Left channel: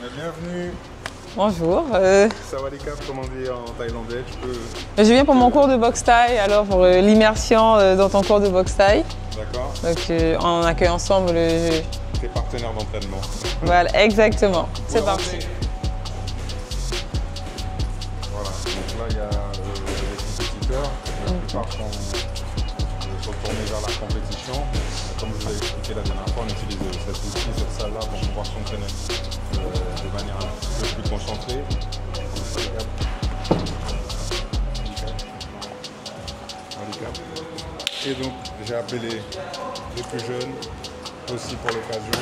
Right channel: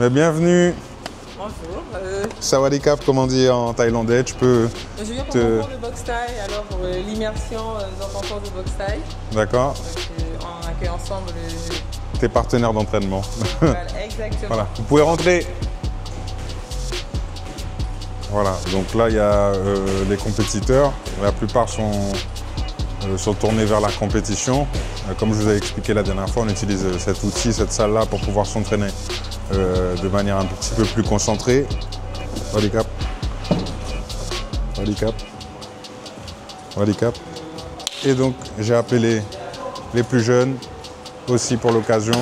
Mais bienvenue. Bonjour. Sawadikap, comme on dit en thaïlandais, tu peux... Je viens pour mon cours de boxe thaï, alors pour l'immersion dans ton cours de boxe thaï. D'accord. Donc on accueille ensemble tes partenaires d'entraînement. Voilà, exactement. Voilà. Vous pouvez rentrer. Voilà, donc là il y a les compétiteurs. La plupart sont tournés vers la compétition. Comme je vous avais expliqué la dernière fois, on utilise cet outil, cette salle-là pour pouvoir s'entraîner de manière un petit peu plus concentrée. Sawadikap. Sawadikap. Sawadikap. Et donc j'ai appelé les plus jeunes aussi pour l'occasion.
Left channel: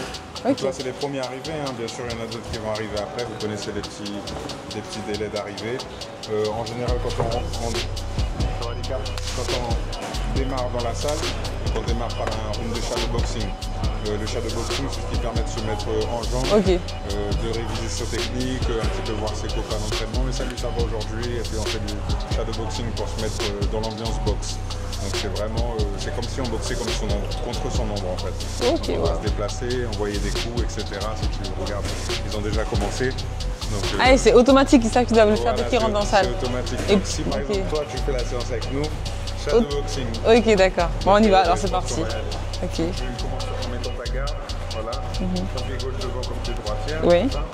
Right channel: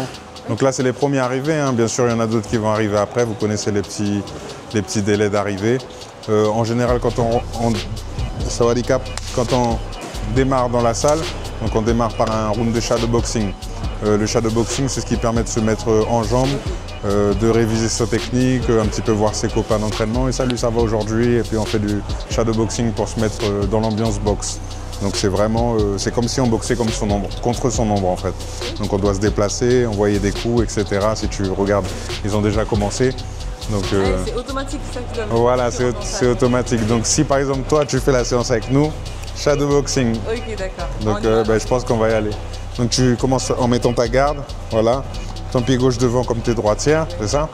Donc là c'est les premiers arrivés, hein. Bien sûr il y en a d'autres qui vont arriver après, vous connaissez les petits délais d'arrivée. En général quand Sawadikap, quand on démarre dans la salle, donc on démarre par un round de shadowboxing. Le shadowboxing, c'est ce qui permet de se mettre en jambes, de réviser sa technique, un petit peu voir ses copains d'entraînement. Et ça, lui, ça va aujourd'hui. Et puis on fait du shadowboxing pour se mettre dans l'ambiance boxe. Donc c'est vraiment, c'est comme si on boxait comme son ombre, contre son ombre en fait. Donc on doit se déplacer, envoyer des coups, etc. Si tu regardes, ils ont déjà commencé. C'est automatique, c'est ça que tu dois me faire. Voilà, c'est automatique. Donc si par exemple toi, tu fais la séance avec nous, shadowboxing. Ok, d'accord. Bon, on y va. Je pense qu'on va y aller. Okay. Donc tu commences en mettant ta garde, voilà. Ton pied gauche devant comme tu es droitière, c'est ça?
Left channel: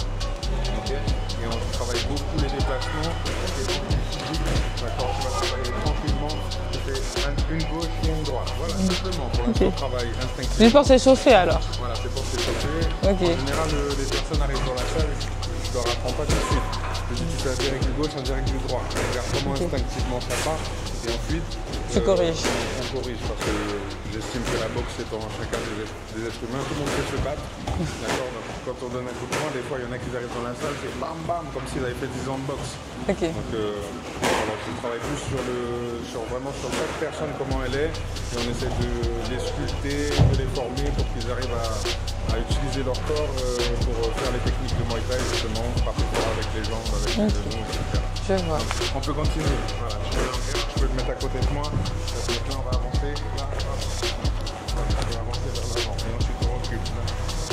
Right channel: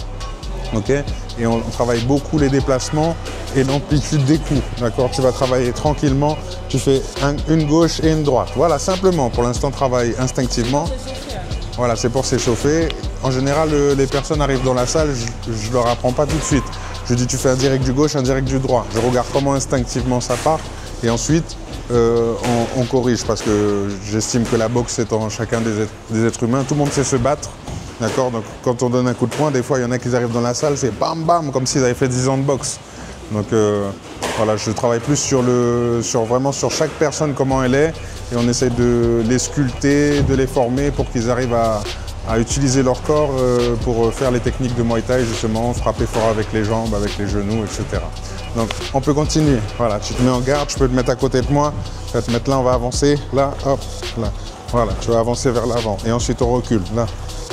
Ok. Et on travaille beaucoup les déplacements et l'amplitude des coups. D'accord. Tu vas travailler tranquillement. Tu fais une gauche et une droite. Voilà, simplement. Pour l'instant, travaille instinctivement. C'est pour s'échauffer alors? Voilà, c'est pour s'échauffer. En général, les personnes arrivent dans la salle, je leur apprends pas tout de suite. Je dis tu fais un direct du gauche, un direct du droit. Je regarde comment instinctivement ça part. Et ensuite, on corrige parce que j'estime que la boxe c'est en chacun des êtres humains. Tout le monde sait se battre, d'accord. Donc quand on donne un coup de poing, des fois il y en a qui arrivent dans la salle, c'est bam bam, comme s'ils avaient fait 10 ans de boxe. Donc voilà, je travaille plus vraiment sur chaque personne, comment elle est. Et on essaie de les sculpter, de les former pour qu'ils arrivent à utiliser leur corps pour faire les techniques de Muay Thai, justement, frapper fort avec les jambes, avec les genoux, etc. Donc on peut continuer. Voilà, tu te mets en garde, tu peux te mettre à côté de moi, tu vas te mettre là, on va avancer, là, hop, là. Voilà, tu vas avancer vers l'avant et ensuite on recule, là,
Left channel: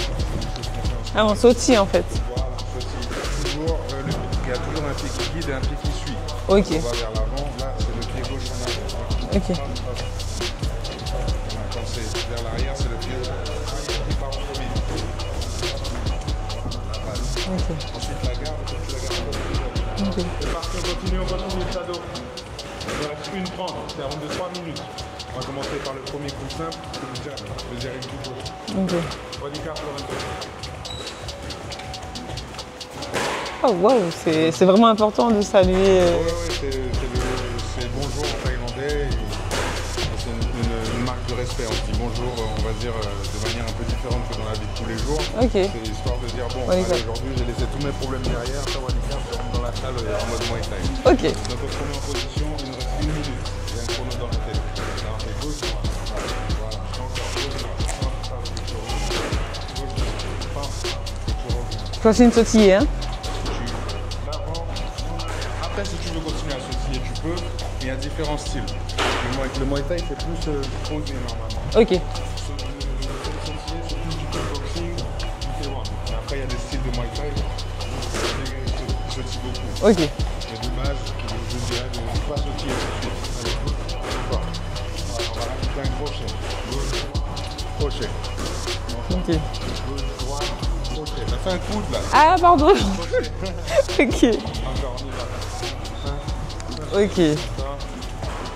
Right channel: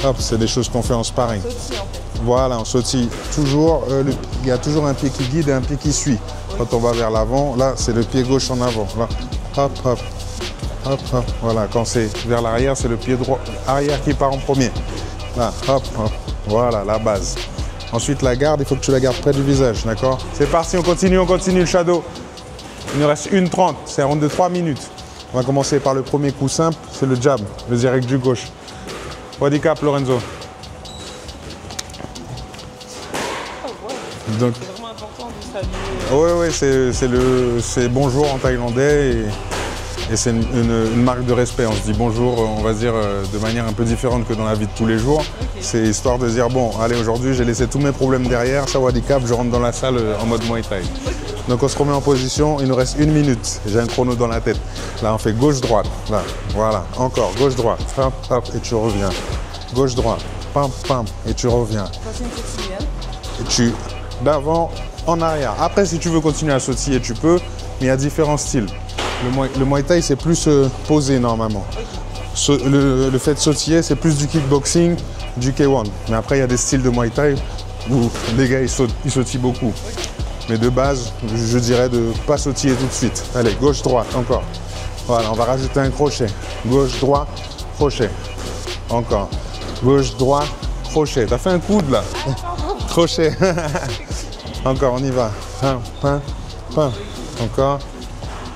hop, c'est des choses qu'on fait en sparring. On sautille en fait. Voilà, on sautille toujours, il y a toujours un pied qui guide et un pied qui suit. Quand on va vers l'avant, là, c'est le pied gauche en avant, là, hop, hop. Hop, hop, voilà, quand c'est vers l'arrière, c'est le pied droit arrière qui part en premier. Là, hop, hop, voilà, la base. Ensuite, la garde, il faut que tu la gardes près du visage, d'accord? C'est parti, on continue le shadow. Il nous reste 1:30, c'est un round de 3 minutes. On va commencer par le premier coup simple, c'est le jab, le direct du gauche. Sawadikap, Lorenzo. Oh wow, c'est vraiment important de saluer. Oui, c'est bonjour en thaïlandais. Et c'est une marque de respect. On se dit bonjour, on va dire de manière un peu différente que dans la vie de tous les jours. C'est histoire de dire bon, allez, aujourd'hui j'ai laissé tous mes problèmes derrière, Sawadikap, je rentre dans la salle en mode Muay Thai. Donc on se remet en position, il nous reste 1 minute. J'ai un chrono dans la tête. Là on fait gauche-droite, là, voilà, encore gauche-droite, hop, hop, et tu reviens. Gauche-droite, pam, pam, et tu reviens. C'est une sautille, hein? Et tu d'avant en arrière. Après, si tu veux continuer à sautiller, tu peux, mais il y a différents styles. Le Muay Thai, c'est plus posé normalement. Le fait de sautiller, c'est plus du kickboxing, du K1. Mais après, il y a des styles de Muay Thai où les gars, ils sautillent beaucoup. Mais de base, je dirais de ne pas sautiller tout de suite. Allez, gauche-droite, encore. Voilà, on va rajouter un crochet. Gauche-droite, crochet. Encore. Gauche-droite, crochet. T'as fait un coude là. Ah, pardon. Crochet. Encore, on y va. Encore.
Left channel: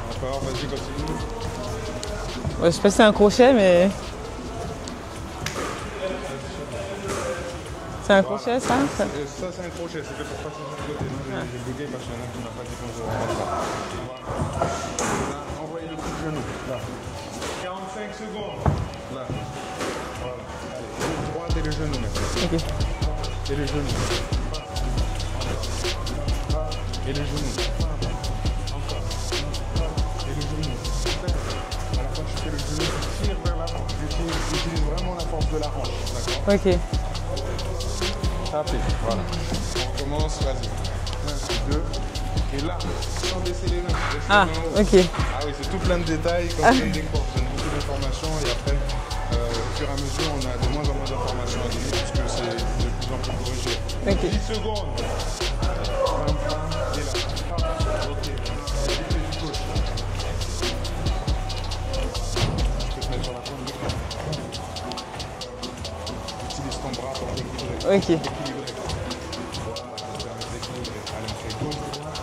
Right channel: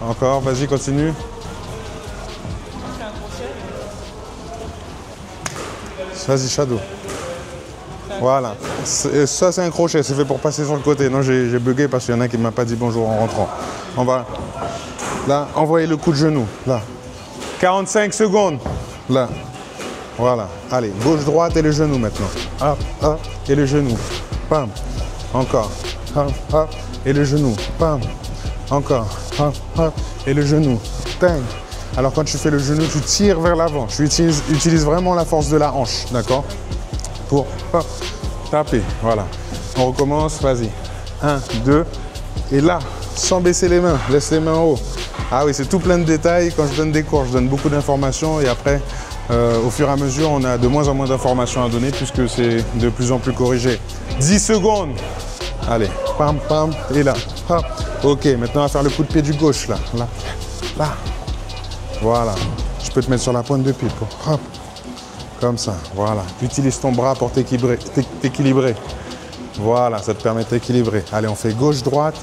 Encore, vas-y, continue. Je sais pas si c'est un crochet, mais... Vas-y, shadow. C'est un crochet, ça? Ça, c'est un crochet, c'est fait pour passer sur le côté. Non, j'ai bugué parce qu'il y en a qui ne m'a pas dit bonjour en rentrant. On va, là, envoyer le coup de genou, là. 45 secondes, là. Voilà, allez, gauche-droite et les genoux maintenant. Hop, hop, et les genoux. Pam, encore. Hop, hop, et les genoux. Pam. Encore, hop, hop, et le genou, bang. Alors quand tu fais le genou, tu tires vers l'avant. Tu utilises vraiment la force de la hanche, d'accord? Pour hop, taper, voilà. On recommence, vas-y. 1, 2, Et là, sans baisser les mains, laisse les mains en haut. Okay. Ah oui, c'est tout plein de détails. Quand je donne des cours, je donne beaucoup d'informations et après, au fur et à mesure, on a de moins en moins d'informations à donner puisque c'est de plus en plus corrigé. Okay. 10 secondes. Allez, pam, pam, et là. Pam. Ok, maintenant on va faire le coup de pied du gauche, là. Là, là. Voilà. Je peux te mettre sur la pointe de pied. Pam. Comme ça, voilà. Utilise ton bras pour t'équilibrer. Okay. Voilà, ça te permet de t'équilibrer. Allez, on fait gauche-droite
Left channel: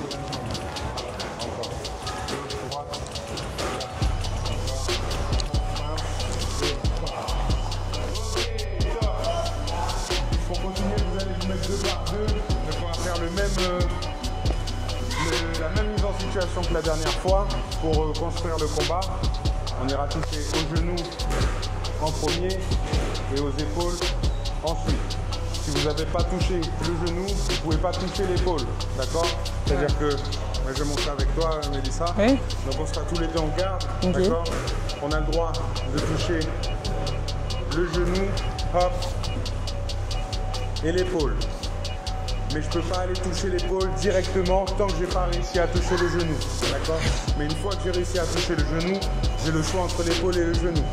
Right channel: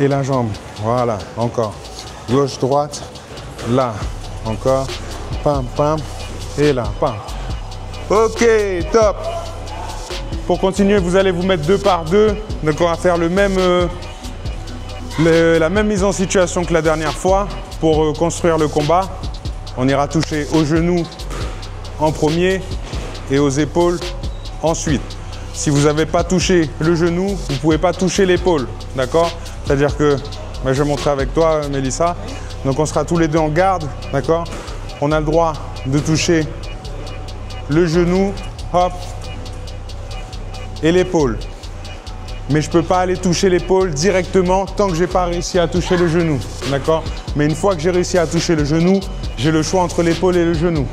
et la jambe. Voilà, encore. Gauche-droite, là, encore. Pam, pam, et là, pam. Ok, top. Pour continuer, vous allez vous mettre 2 par 2. Donc, on va faire la même mise en situation que la dernière fois pour construire le combat. On ira toucher aux genoux en premier et aux épaules ensuite. Si vous n'avez pas touché le genou, vous ne pouvez pas toucher l'épaule, d'accord? C'est-à-dire que, je vais montrer avec toi, Mélissa. Oui. Donc on sera tous les deux en garde, d'accord? On a le droit de toucher le genou, hop, et l'épaule. Mais je ne peux pas aller toucher l'épaule directement tant que je n'ai pas réussi à toucher le genou, d'accord? Mais une fois que j'ai réussi à toucher le genou, j'ai le choix entre l'épaule et le genou.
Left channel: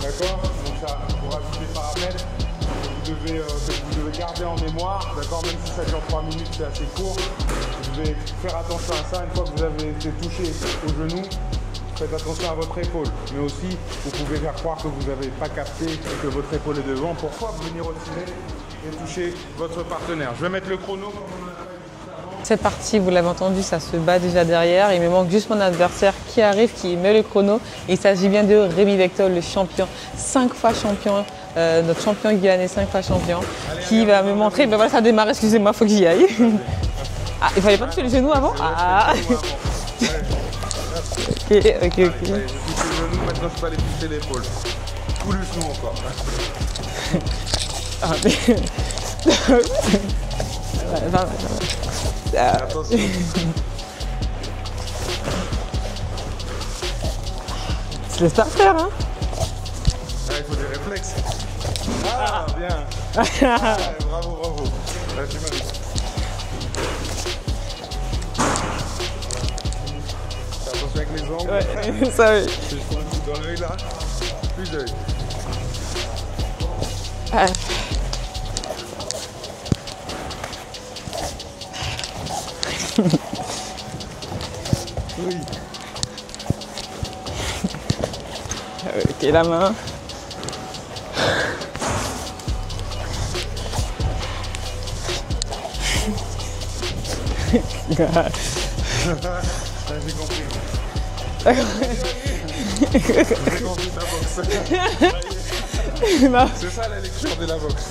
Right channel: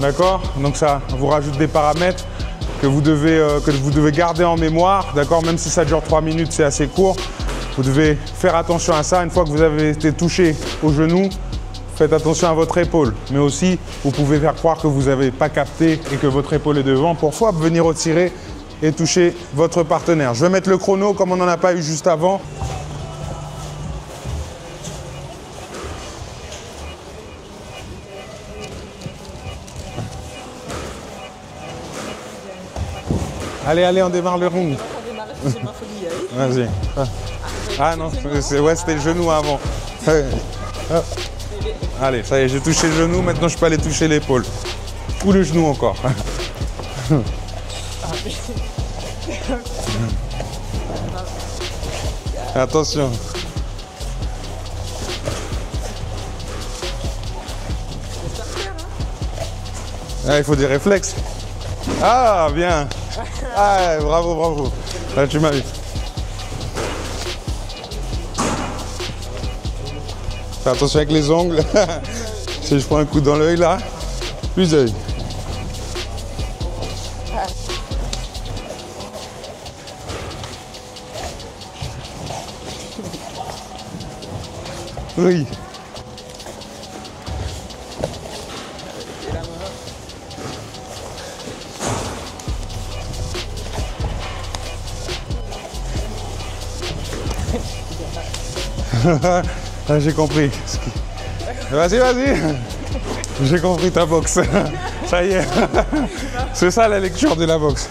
D'accord? Donc ça vous rajoute des paramètres que vous devez garder en mémoire. D'accord? Même si ça dure 3 minutes, c'est assez court. Vous devez faire attention à ça. Une fois que vous avez été touché au genou, faites attention à votre épaule. Mais aussi, vous pouvez faire croire que vous n'avez pas capté et que votre épaule est devant pour venir retirer et toucher votre partenaire. Je vais mettre le chrono comme on n'en a pas eu juste avant. Cette partie, vous l'avez entendu, ça se bat déjà derrière. Il me manque juste mon adversaire qui arrive, qui met le chrono. Il s'agit bien de Rémi Vector, le champion, 5 fois champion. Notre champion guyanais, 5 fois champion. Allez, on démarre le round. Voilà, ça démarre, excusez-moi, il faut que j'y aille. Vas-y. Ah, il fallait pas toucher le genou avant? Ouais, c'était le genou avant. Okay. Allez, ça y est, j'ai touché le genou, maintenant je peux aller toucher l'épaule. Ou le genou encore. Attention. Je laisse pas faire, hein? Il faut des réflexes. Ah, bien. Ah, bravo, bravo. Là, tu m'as vu. Fais attention avec les ongles. Si je prends un coup dans l'œil, là, plus d'œil. Oui. Ok, la main. J'ai compris. Vas-y, vas-y. J'ai compris ta boxe. Ça y est. C'est ça la lecture de la boxe.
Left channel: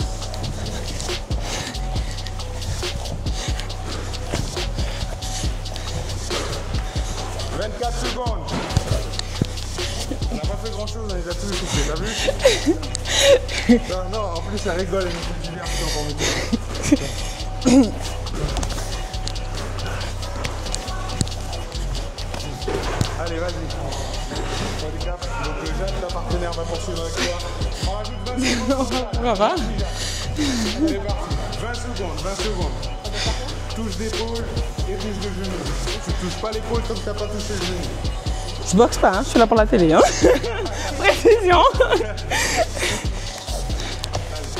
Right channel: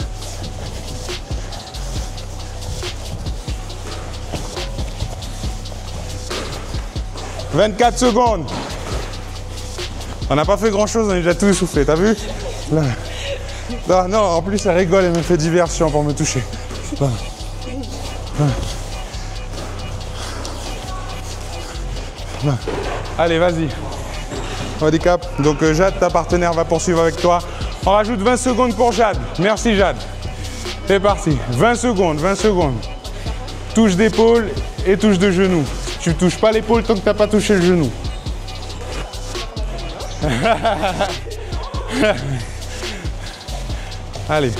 « 24 secondes. On n'a pas fait grand-chose, on est déjà tout essoufflé, t'as vu? Là. Non, en plus, elle rigole, elle me fait diversion pour me toucher. Là. Allez, vas-y. Handicap. Donc, Jade, ta partenaire, va poursuivre avec toi. On rajoute 20 secondes pour Jade. Merci, Jade. C'est parti. 20 secondes, 20 secondes. Touche d'épaule et touche de genou. Tu touches pas l'épaule tant que tu n'as pas touché le genou. Je boxe pas, hein, je suis là pour la télé. Hein. Précision. Allez.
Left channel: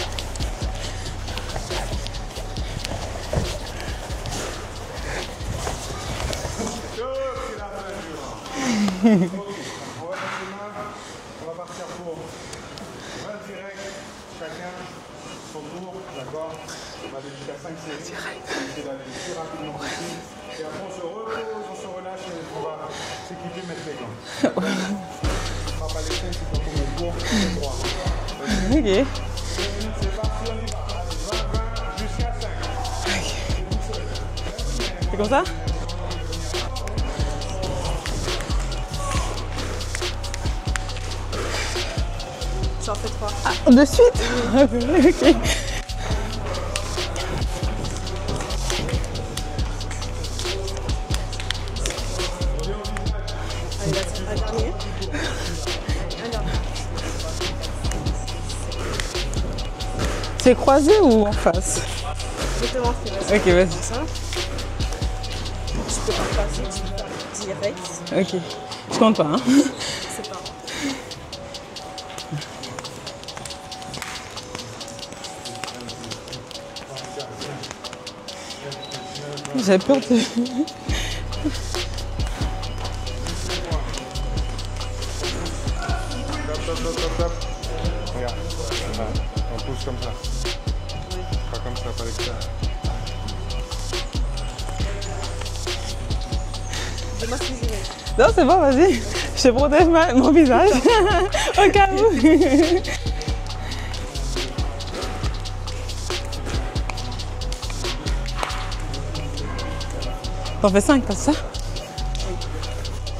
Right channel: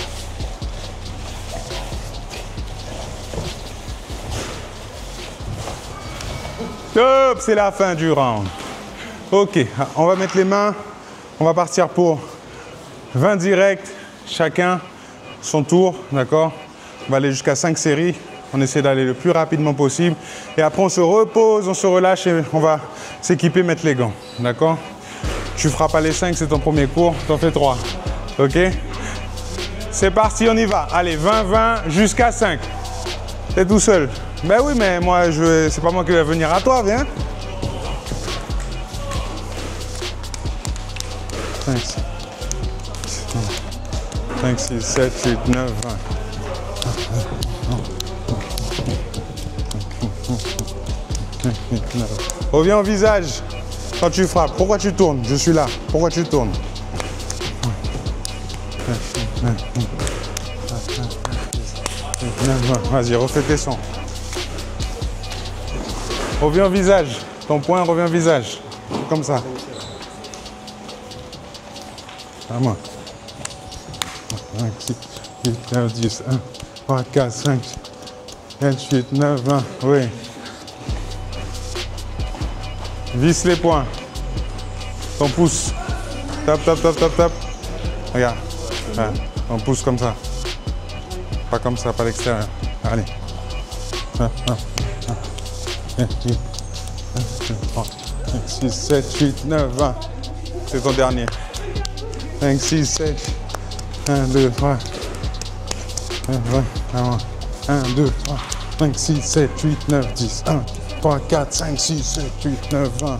Top, c'est la fin du round. Ok, on va mettre les mains. On va partir pour 20 directs, chacun son tour, d'accord? On va aller jusqu'à 5 séries. On essaie d'aller le plus rapidement possible. Et après, on se repose, on se relâche et on va s'équiper, mettre les gants. D'accord? Tu ne feras pas les 5, c'est ton premier cours. Tu en fais 3. OK? C'est parti, on y va. Allez, 20-20 jusqu'à 5. T'es tout seul. Ben oui, mais moi, c'est pas moi qui vais venir à toi, viens. 5. De suite? 5, 6, 7, 8, 9, 20. Reviens au visage quand tu frappes. Pourquoi tu tournes? Je suis là. Pourquoi tu tournes? C'est croisé ou en face? Vas-y, refais tes sons. Reviens au visage. Ton poing revient au visage. Je compte Comme pas. ça. Vraiment. 8, 9, 10, 1, 3, 4, 5, 7, 8, 9, 20. J'ai pas Oui. fait. Visse les poings. Ton pouce. Tape, tape, tape, tape, tape. Regarde. Ouais. Ton pouce comme ça. Pas comme ça, pas l'extérieur. Allez. Non, c'est bon, vas-y. Je protège mon visage. Au cas où. 5, 6, 7. 1, 2, 3. 1, 2, 3. 5, 6, 7, 8, 9, 10. 1, T'en fais 5, 3, c'est ça? 4, 5, 6, 7, 8, 9, 20.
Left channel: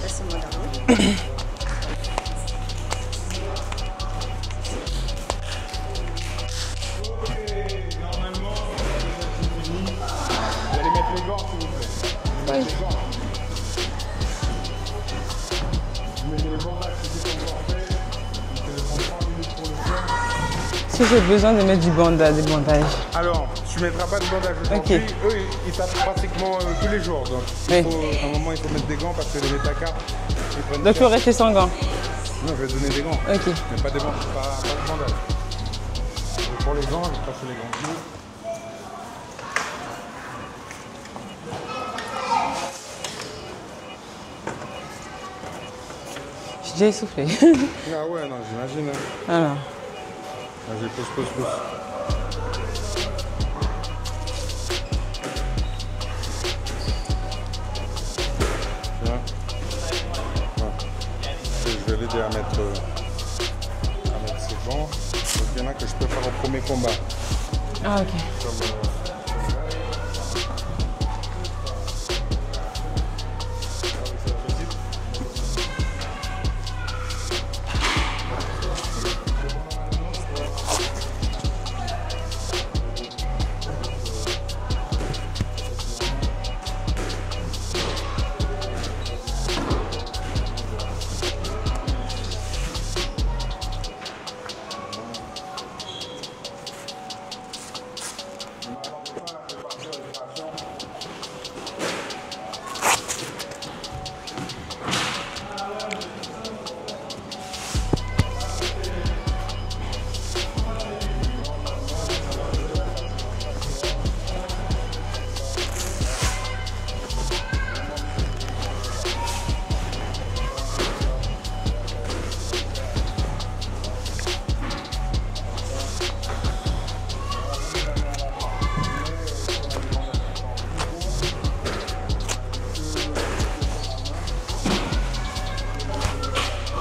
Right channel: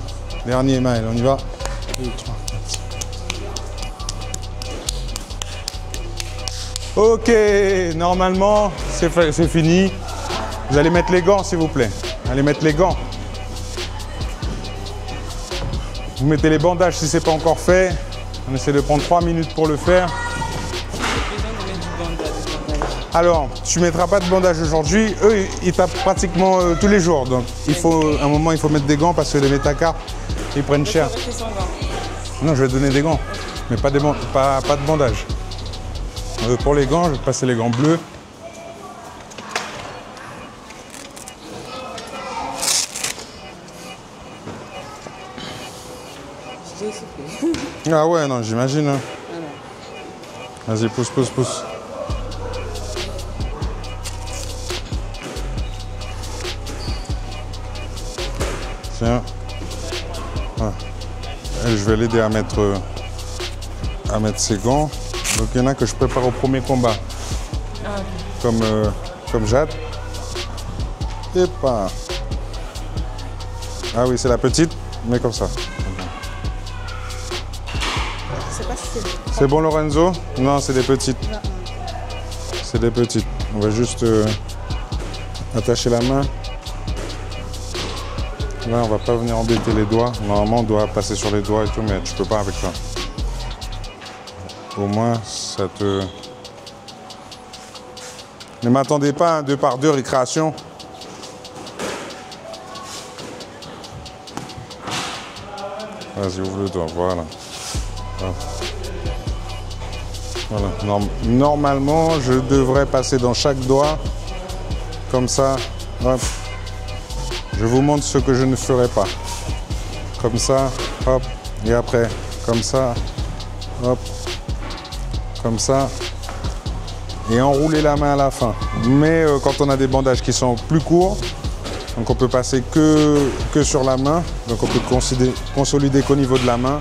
Dernier main, on y va. Ok, normalement, c'est fini. Vous allez mettre les gants, s'il vous plaît. Allez mettre les gants. Vous mettez les bandages si ce n'est pas encore fait. On essaie de prendre 3 minutes pour le faire. Si j'ai besoin de mettre du bandage, des bandages. Alors, tu ne mettras pas de bandage aujourd'hui. Okay. Eux, ils tapent pratiquement tous les jours. Donc, à un moment, il faut mettre des gants parce que les métacarpes, ils prennent Donc, cher. il faut rester sans gants. Non, je vais te donner des gants. Ok. Mais pas de bandage. Pour les gants, je vais passer les gants bleus. J'ai déjà essoufflé. Ah ouais, non, j'imagine. Hein. Alors. Vas-y, pousse, pousse, pousse. Tiens. Ouais. Et je vais l'aider à mettre ses gants. Donc il y en a que je prépare au premier combat. Ah, ok. Comme Jade. Et pas. Ah oui, c'est la petite, mais comme ça. C'est bon Lorenzo? Non, c'est des petites. C'est des petites. On va juste attacher la main. Là, on va pas venir embêter les doigts. Normalement, on doit passer sur les doigts et tout, mais tu peux pas avec ça. Au moins, ça te... Ne m'attendez pas à 2 par 2 récréation. Vas-y, ouvre le doigt, voilà. Voilà. Normalement, je devrais passer dans chaque doigt, comme ça. Hop. Je vous montre ce que je ne ferai pas. Comme ça, hop, et après, comme ça, hop, comme ça, et enrouler la main à la fin. Mais quand on a des bandages qui sont plus courts, donc on peut passer que sur la main, donc on peut consolider qu'au niveau de la main,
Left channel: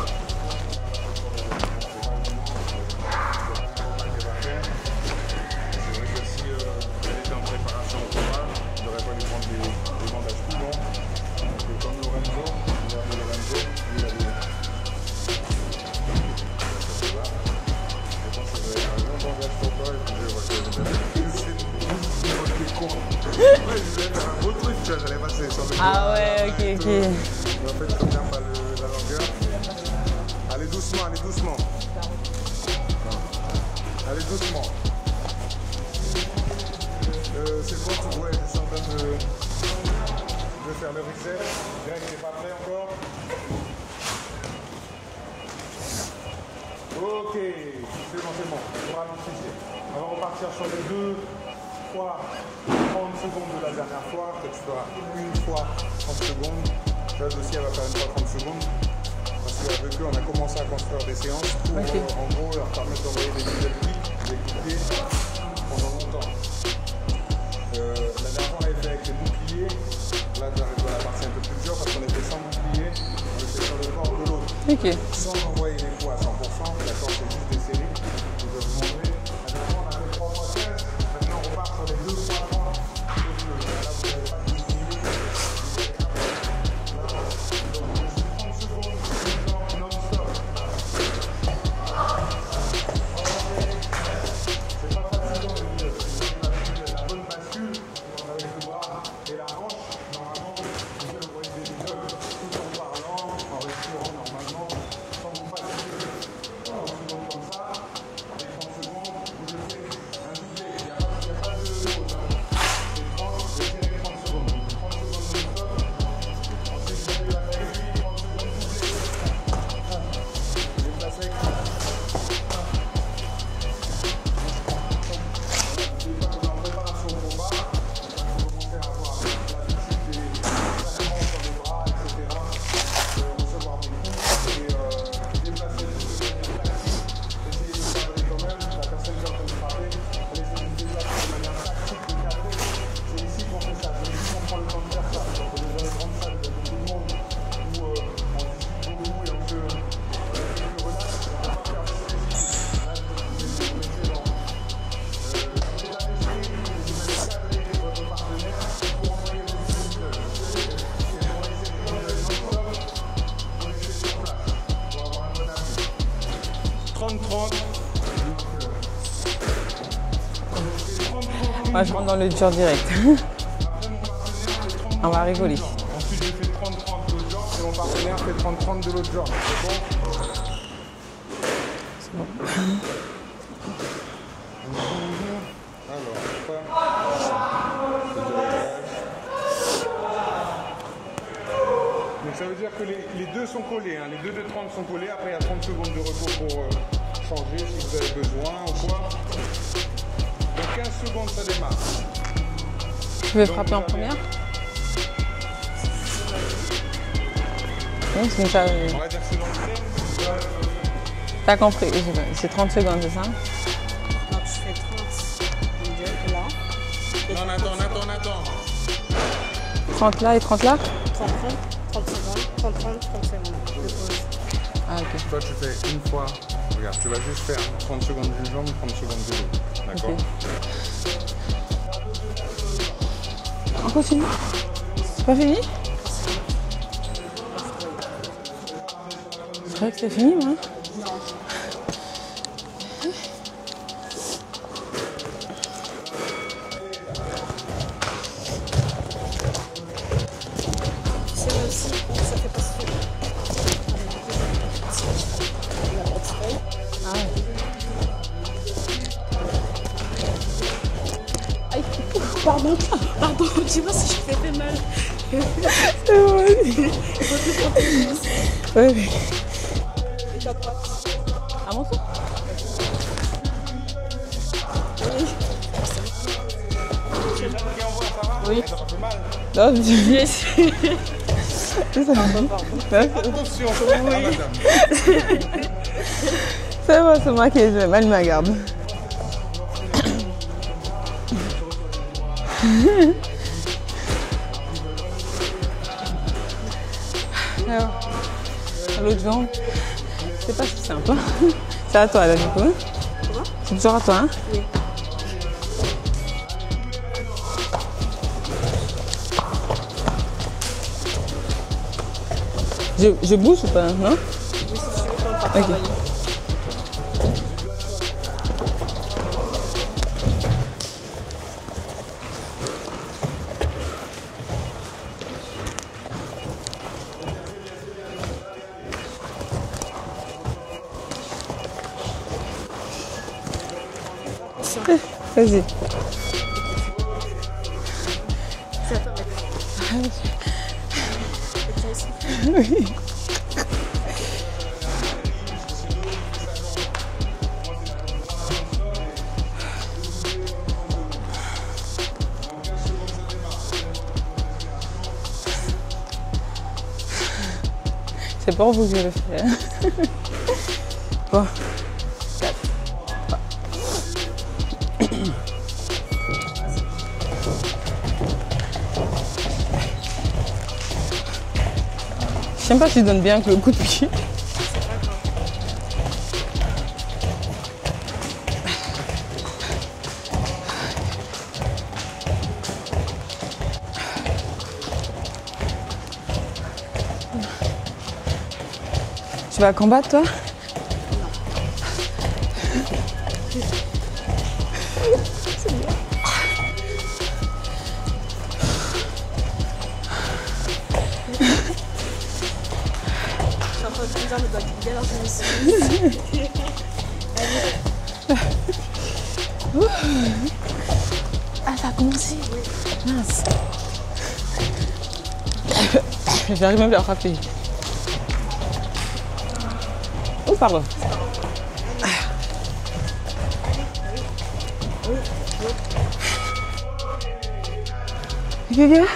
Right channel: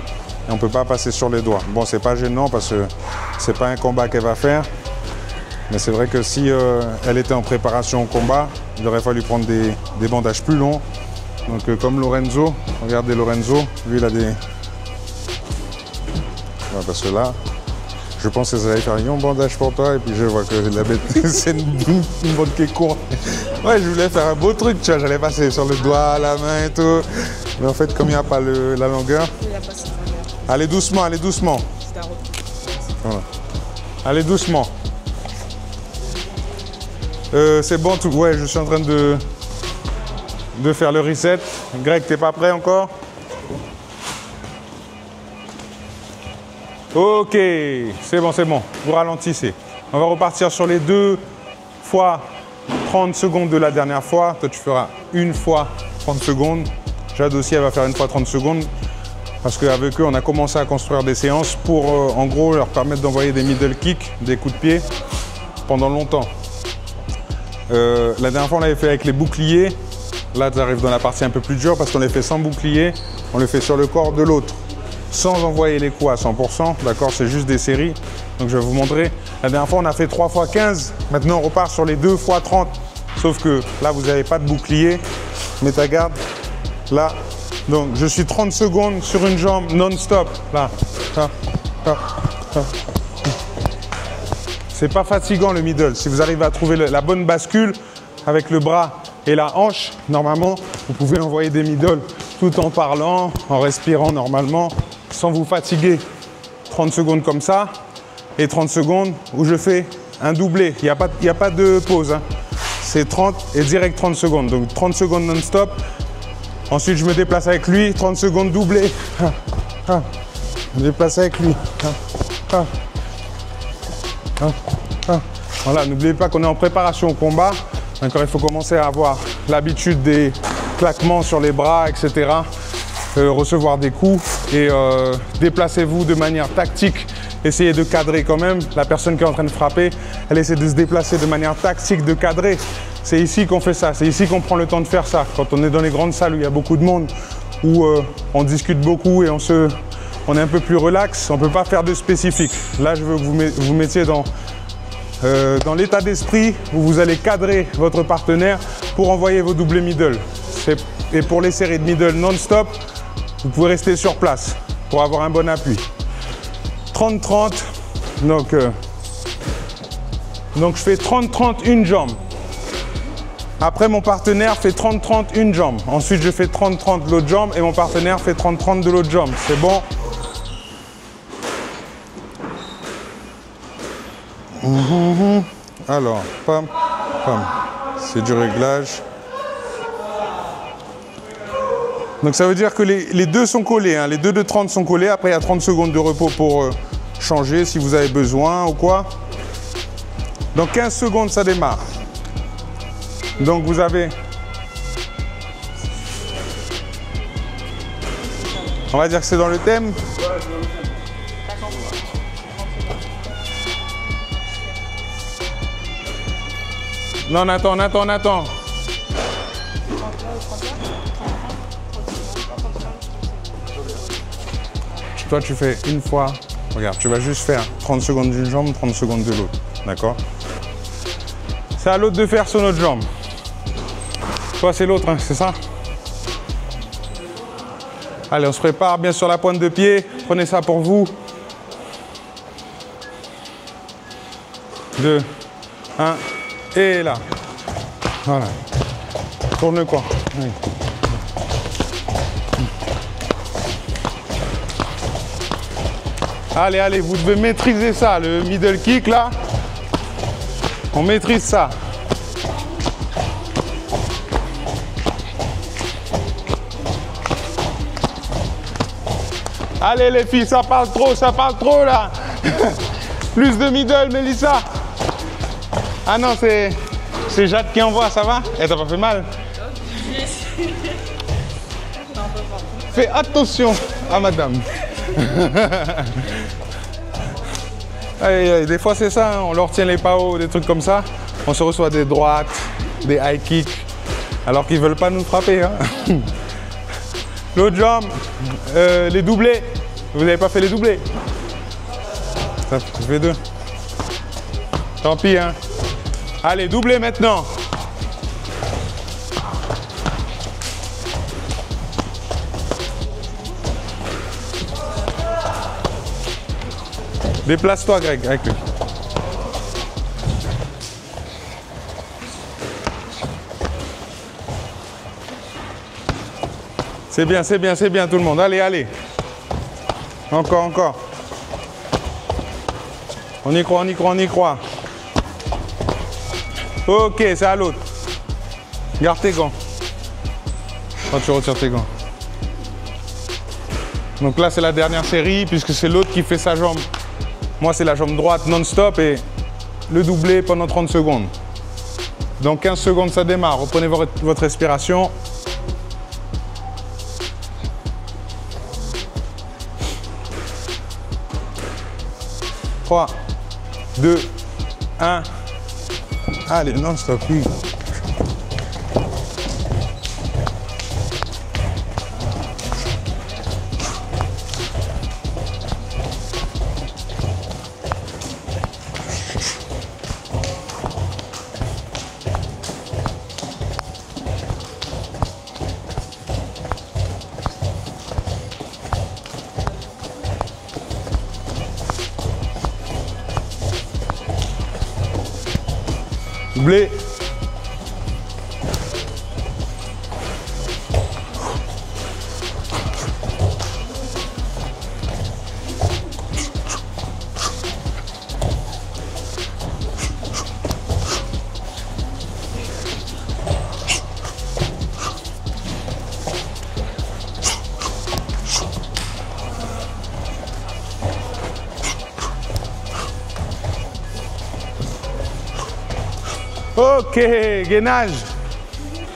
et on ne peut pas passer sur les doigts. Bon, c'est pas gênant parce que c'est pas un combat qu'elle va faire, mais c'est vrai que si elle était en préparation au combat, il aurait fallu prendre des bandages plus longs. Donc comme Lorenzo, regardez Lorenzo, lui il a des... Ouais, parce que là, je pense que ça allait faire un bandage pour toi et puis je vois que la bête, c'est une bonne qui est courte. Ouais, je voulais faire un beau truc, tu vois, j'allais passer sur le doigt, la main et tout. Cool. Mais en fait, comme il n'y a pas la longueur... Allez doucement, allez doucement. Voilà. Allez doucement. C'est bon, tout. Ouais, je suis en train de faire le reset. Greg, t'es pas prêt encore? Ok, c'est bon, c'est bon. Vous ralentissez. On va repartir sur les 2 fois 30 secondes de la dernière fois. Toi, tu feras 1 fois 30 secondes. Jade aussi, elle va faire 1 fois 30 secondes. Parce qu'avec eux, on a commencé à construire des séances pour, en gros, leur permettre d'envoyer des middle kicks, des coups de pied, pendant longtemps. La dernière fois, on l'avait fait avec les boucliers. Là, tu arrives dans la partie un peu plus dure parce qu'on les fait sans bouclier. On les fait sur le corps de l'autre, sans envoyer les coups à 100%. D'accord, c'est juste des séries. Donc, je vais vous montrer. La dernière fois, on a fait 3 fois 15. Maintenant, on repart sur les 2 fois 30. Sauf que là, vous n'avez pas de bouclier. Mets ta garde. Là. Donc, je suis 30 secondes sur une jambe non-stop. Là. C'est pas fatigant le middle. Si vous arrivez à trouver la bonne bascule avec le bras et la hanche, normalement, vous pouvez envoyer des middle tout en parlant, en respirant normalement, sans vous fatiguer. 30 secondes comme ça et 30 secondes où je fais un doublé. Il n'y a pas de pause. Hein. C'est 30 et direct 30 secondes. Donc 30 secondes non-stop Ensuite, je me déplace avec lui, 30 secondes doublé. Je me déplace avec lui. Voilà, n'oubliez pas qu'on est en préparation au combat. D'accord, il faut commencer à avoir l'habitude des claquements sur les bras, etc. Recevoir des coups et déplacez-vous de manière tactique. Essayez de cadrer quand même. La personne qui est en train de frapper, elle essaie de se déplacer de manière tactique, de cadrer. C'est ici qu'on fait ça, c'est ici qu'on prend le temps de faire ça. Quand on est dans les grandes salles où il y a beaucoup de monde, où on discute beaucoup et on est un peu plus relax, on ne peut pas faire de spécifique. Là, je veux que vous mettiez dans l'état d'esprit où vous allez cadrer votre partenaire pour envoyer vos doublés middle. Et pour les séries de middle non-stop, vous pouvez rester sur place pour avoir un bon appui. 30-30, donc je fais 30-30 une jambe. Dans le dur direct. Après, mon partenaire fait 30-30 une jambe. Ensuite, je fais 30-30 de l'autre jambe et mon partenaire fait 30-30 de l'autre jambe. C'est bon? Alors, pam, pam. C'est du réglage. Donc ça veut dire que les deux sont collés, hein. Les deux de 30 sont collés. Après, il y a 30 secondes de repos pour changer si vous avez besoin ou quoi. Dans 15 secondes, ça démarre. Donc vous avez... On va dire que c'est dans le thème. T'as compris, c'est 30 secondes, c'est ça? Non, attends. 30 là et 30 là? Toi, tu fais une fois. Regarde, tu vas juste faire 30 secondes d'une jambe, 30 secondes de l'autre. D'accord? C'est à l'autre de faire sur notre jambe. On continue. Toi, c'est l'autre, hein, c'est ça? Allez, on se prépare bien sur la pointe de pied. Prenez ça pour vous. 2, 1, et là. Voilà. Tourne le coin. Oui. Allez, vous devez maîtriser ça, le middle kick là. On maîtrise ça. Pardon, dis-moi si je fais mal. Allez les filles, ça parle trop là. Plus de middle, Mélissa. Ah non, c'est Jade qui envoie, ça va? Elle t'a pas fait mal? Non, Fais attention à madame. C'est bon, c'est moi qui ai mal ma Des fois c'est ça, hein, on leur tient les PAO, des trucs comme ça. On se reçoit des droites, des high kicks, alors qu'ils veulent pas nous frapper. Hein. L'autre jambe, les doublés. Vous n'avez pas fait les doublés? C'est à toi là, du coup. Je fais 2. C'est toujours à toi, hein? Tant pis, hein. Allez, doublé maintenant. Je bouge ou pas, non? Ok. Déplace-toi, Greg, avec lui. C'est bien tout le monde. Allez. Encore. On y croit. Vas-y. Ok, c'est à l'autre. Garde tes gants. Quand tu retires tes gants. Donc là, c'est la dernière série, puisque c'est l'autre qui fait sa jambe. Moi, c'est la jambe droite non-stop et le doublé pendant 30 secondes. Dans 15 secondes, ça démarre. Reprenez votre respiration. C'est pour vous que je le fais. Quoi? 3, 2, 1. Allez, non-stop. J'aime pas si tu donnes bien avec le coup de pied. Tu vas combattre, toi? Blé. j'arrive même plus à frapper. Oh, pardon. Ok, gainage. Viens.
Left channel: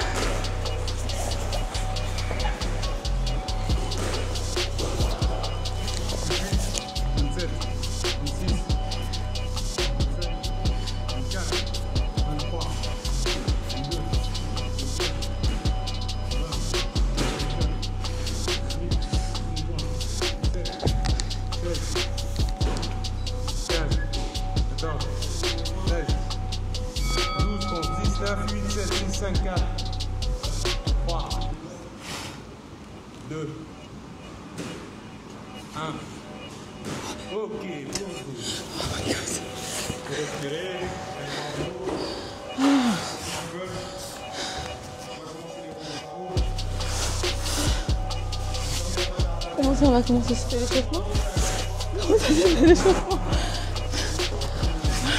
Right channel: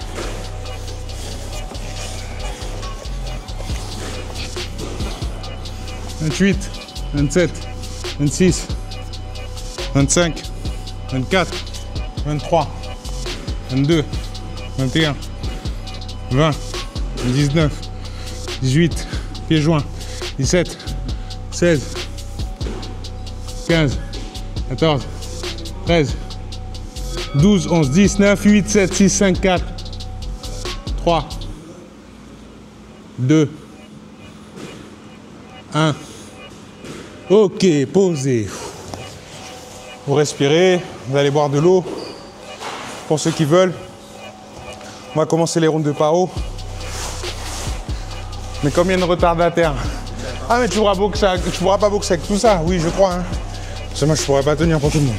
28, 27, 26, 25, 24, 23, 22, 21, 20, 19, 18, pieds joints, 17, 16, 15, 14, 13, 12, 11, 10, 9, 8, 7, 6, 5, 4, 3, 2, 1. Ok, posez. Vous respirez, vous allez boire de l'eau. Pour ceux qui veulent, on va commencer les rounds de paro. Mais combien de retardataires? Ah mais tu pourras pas boxer avec tout ça, oui je crois. Hein. Moi je pourrais pas tenir pour tout le monde.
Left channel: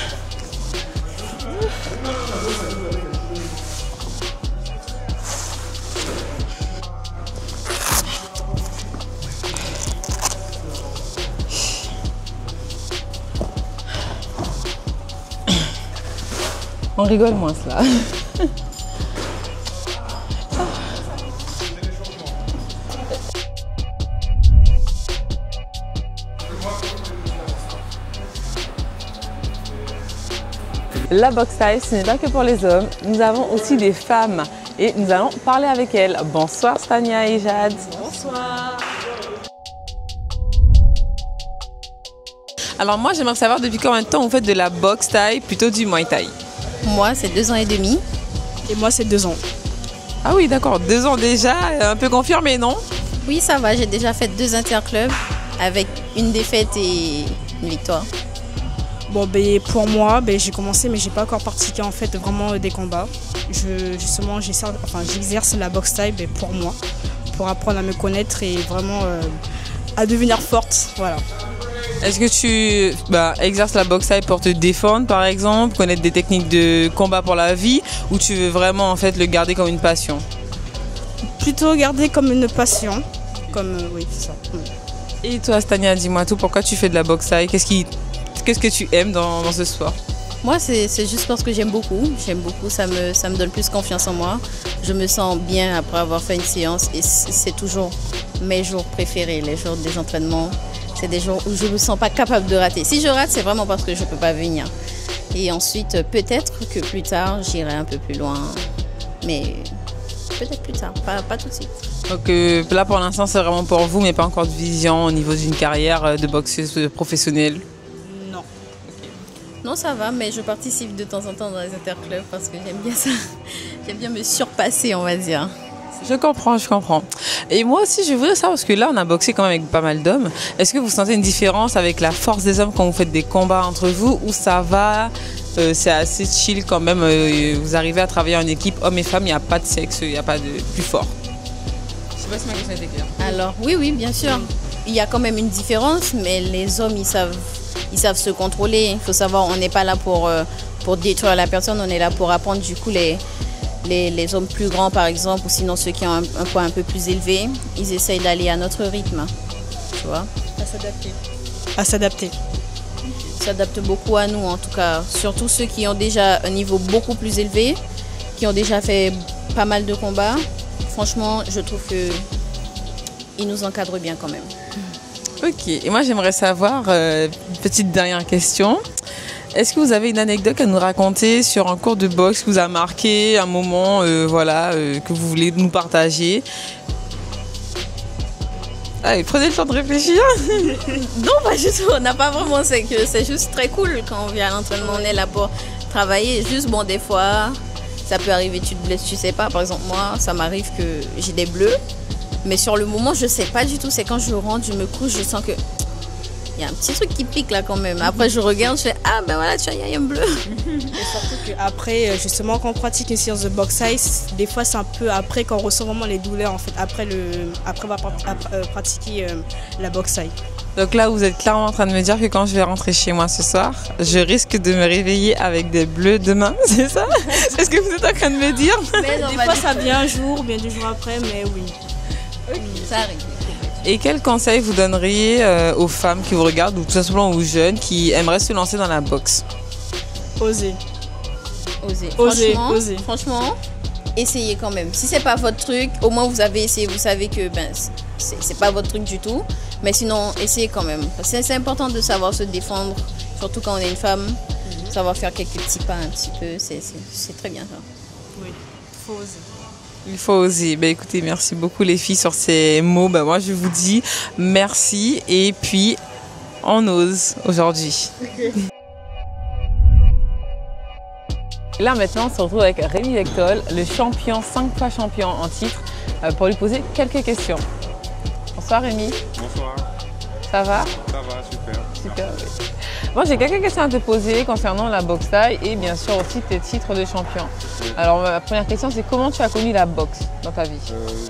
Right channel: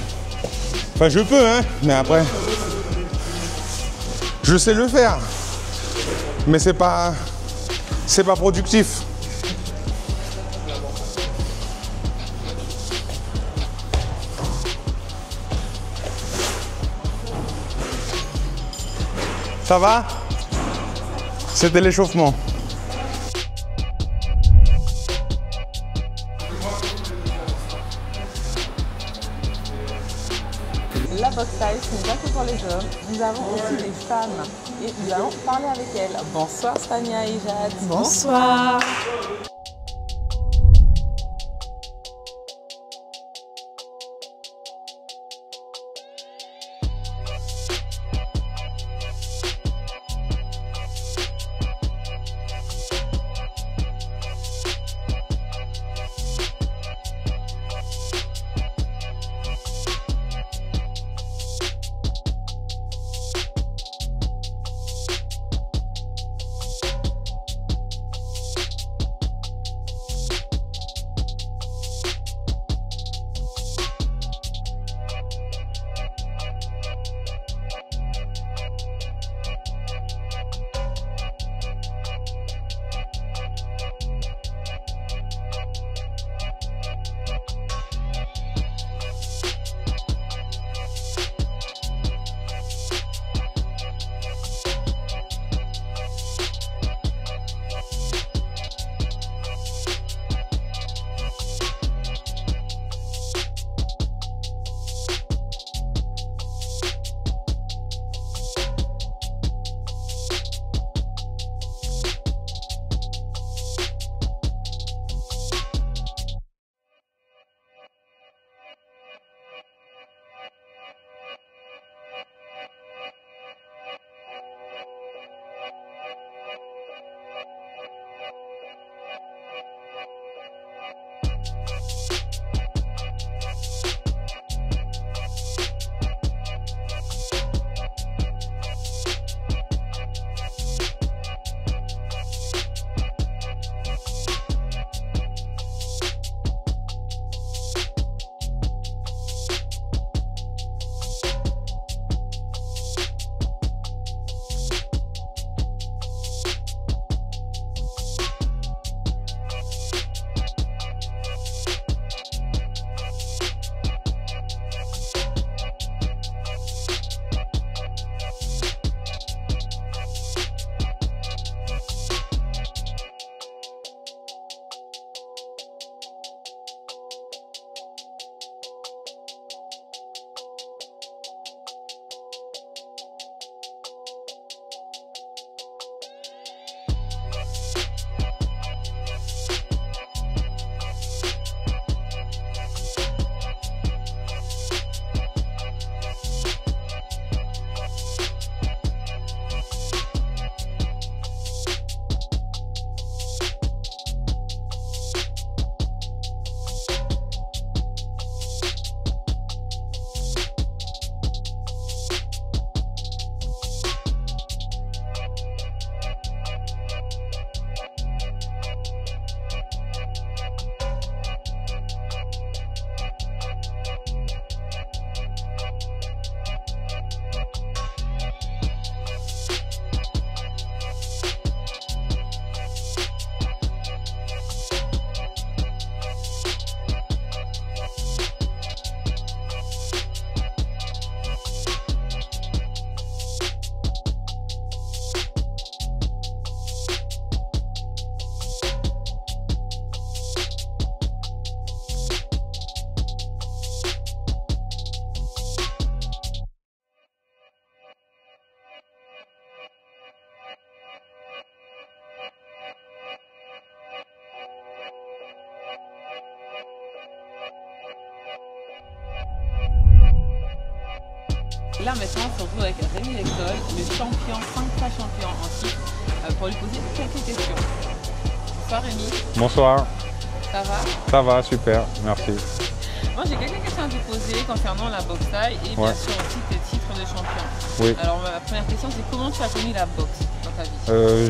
Enfin je peux hein, mais après. Je sais le faire. Mais c'est pas productif. On rigole moins cela. Ça va? C'était l'échauffement. La boxe taille, ce n'est pas que pour les hommes. Nous avons aussi des femmes et nous allons parler avec elles. Bonsoir Stania et Jade. Bonsoir. Alors moi, j'aimerais savoir depuis combien de temps vous faites de la boxe taille, plutôt du muay thai? Moi, c'est 2 ans et demi. Et moi, c'est 2 ans. Ah oui, d'accord, 2 ans déjà, un peu confirmé, non? Oui, ça va. J'ai déjà fait 2 interclubs avec une défaite et une victoire. Bon, ben, pour moi, ben, j'ai commencé, mais j'ai pas encore pratiqué en fait vraiment des combats. J'exerce la boxe taille ben, pour moi, pour apprendre à me connaître et vraiment à devenir forte. Voilà. Est-ce que tu exerces la boxe taille pour te défendre, par exemple, connaître des techniques de combat pour la vie, ou tu veux vraiment en fait le garder comme une passion? Plutôt garder comme une passion. Oui, c'est ça. Et toi, Stania, dis-moi tout, pourquoi tu fais de la boxe taille? Qu'est-ce que tu aimes dans ce sport? Moi, c'est juste parce que j'aime beaucoup. J'aime beaucoup, ça me donne plus confiance en moi. Je me sens bien après avoir fait une séance et c'est toujours mes jours préférés, les jours des entraînements. C'est des jours où je ne me sens pas capable de rater. Si je rate, c'est vraiment parce que je ne peux pas venir. Et ensuite, peut-être que plus tard, j'irai un peu plus loin. Mais peut-être plus tard, pas tout de suite. Donc là, pour l'instant, c'est vraiment pour vous, mais pas encore de vision au niveau d'une carrière de boxeuse professionnelle? Non. Non, ça va, mais je participe de temps en temps dans les interclubs parce que j'aime bien ça. J'aime bien me surpasser, on va dire. Je comprends. Et moi aussi, je voudrais savoir, parce que là, on a boxé quand même avec pas mal d'hommes. Est-ce que vous sentez une différence avec la force des hommes quand vous faites des combats entre vous, ou ça va, c'est assez chill quand même, vous arrivez à travailler en équipe, hommes et femmes, il n'y a pas de sexe, il n'y a pas de plus fort? Je sais pas si ma question était claire. Alors, oui, bien sûr. Il y a quand même une différence, mais les hommes, ils savent se contrôler. Il faut savoir, on n'est pas là pour détruire la personne, on est là pour apprendre du coup les hommes plus grands par exemple, ou sinon ceux qui ont un poids un peu plus élevé, ils essayent d'aller à notre rythme, tu vois. À s'adapter. Ils s'adaptent beaucoup à nous en tout cas, surtout ceux qui ont déjà un niveau beaucoup plus élevé, qui ont déjà fait pas mal de combats. Franchement, je trouve qu'ils nous encadrent bien quand même. Ok, et moi j'aimerais savoir, petite dernière question, est-ce que vous avez une anecdote à nous raconter sur un cours de boxe qui vous a marqué, un moment que vous voulez nous partager? Allez, prenez le temps de réfléchir. Non, pas du tout, on n'a pas vraiment, c'est juste très cool quand on vient à l'entraînement, on est là pour travailler. Juste bon, des fois, ça peut arriver, tu te blesses, tu sais pas. Par exemple, moi, ça m'arrive que j'ai des bleus. Mais sur le moment, je sais pas du tout. C'est quand je rentre, je me couche, je sens que il y a un petit truc qui pique là quand même. Après, je regarde, je fais ah ben voilà, tu vois, il y a un bleu. Et surtout qu'après, justement, quand on pratique une séance de boxe size, des fois c'est un peu après qu'on ressent vraiment les douleurs en fait. Après avoir pratiqué la boxe size. Donc là, vous êtes clairement en train de me dire que quand je vais rentrer chez moi ce soir, je risque de me réveiller avec des bleus demain, c'est ça? C'est ce que vous êtes en train de me dire? Des fois ça vient un jour, bien 2 jours après, mais oui. Ça arrive. Et quel conseil vous donneriez aux femmes qui vous regardent ou tout simplement aux jeunes qui aimeraient se lancer dans la boxe? Oser. Oser. Franchement, essayez quand même. Si c'est pas votre truc, au moins vous avez essayé, vous savez que c'est pas votre truc du tout. Mais sinon, essayez quand même. Parce que c'est important de savoir se défendre, surtout quand on est une femme. Savoir faire quelques petits pas un petit peu, c'est très bien ça. Oui, il faut oser. Il faut oser. Ben, écoutez, merci beaucoup les filles sur ces mots. Ben, moi, je vous dis merci et puis on ose aujourd'hui. Là maintenant, on se retrouve avec Rémi Vectol, le champion, 5 fois champion en titre, pour lui poser quelques questions. Bonsoir Rémi. Bonsoir. Ça va? Ça va, super, merci. Moi j'ai quelques questions à te poser concernant la boxe thaï et bien sûr aussi tes titres de champion. Oui. Alors ma première question c'est comment tu as connu la boxe dans ta vie?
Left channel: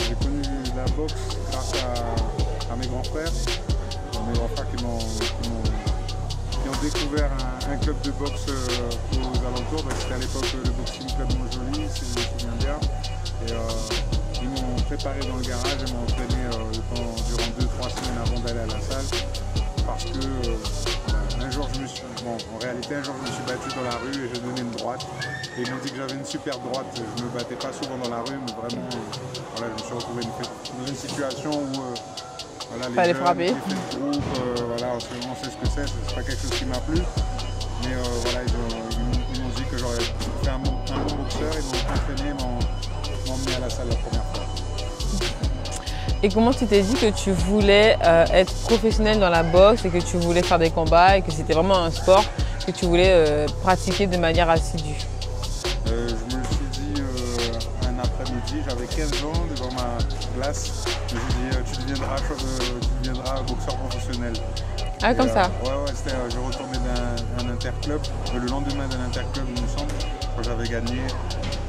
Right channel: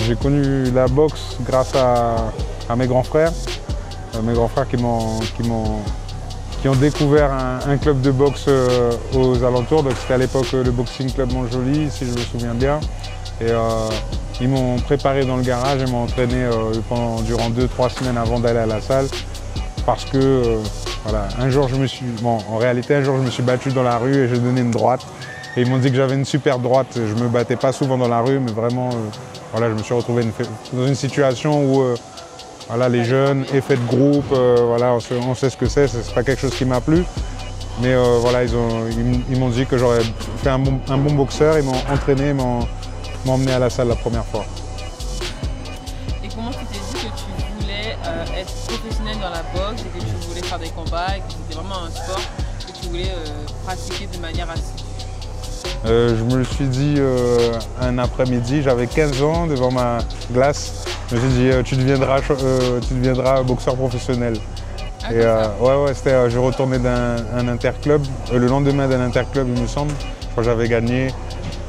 J'ai connu la boxe grâce à mes grands frères. Mes grands frères qui ont découvert un club de boxe aux alentours. Donc c'était à l'époque le Boxing Club Montjoly, si je me souviens bien. Et ils m'ont préparé dans le garage et m'ont entraîné durant 2-3 semaines avant d'aller à la salle. Parce que voilà, en réalité un jour je me suis battu dans la rue et j'ai donné une droite. Et ils m'ont dit que j'avais une super droite. Je ne me battais pas souvent dans la rue, mais vraiment, voilà, je me suis retrouvé dans une situation où voilà, les jeunes, effet de groupe, voilà, on sait ce que c'est pas quelque chose qui m'a plu. Mais voilà, ils m'ont dit que j'aurais fait un bon boxeur, ils m'ont entraîné, ils m'ont emmené à la salle la première fois. Et comment tu t'es dit que tu voulais être professionnel dans la boxe et que tu voulais faire des combats et que c'était vraiment un sport que tu voulais pratiquer de manière assidue? Je me le suis dit un après-midi, j'avais 15 ans devant ma glace. Je me suis dit tu deviendras boxeur professionnel. Ah, comme ça? Ouais, je retournais d'un interclub, le lendemain d'un interclub il me semble, quand j'avais gagné.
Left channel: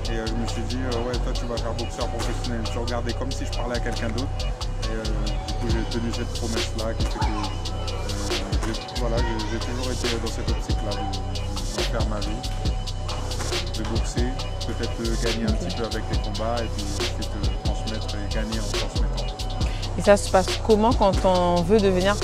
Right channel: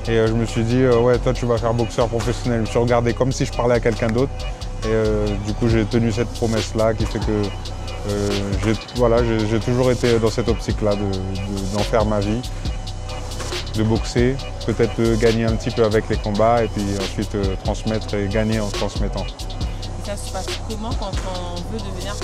Et je me suis dit, ouais, toi tu vas faire boxeur professionnel. Je me suis regardé comme si je parlais à quelqu'un d'autre. Et du coup, j'ai tenu cette promesse-là qui fait que j'ai toujours été dans cette optique-là d'en faire ma vie, de boxer, peut-être gagner un petit peu avec les combats et puis ensuite transmettre et gagner en transmettant. Et ça se passe comment quand on veut devenir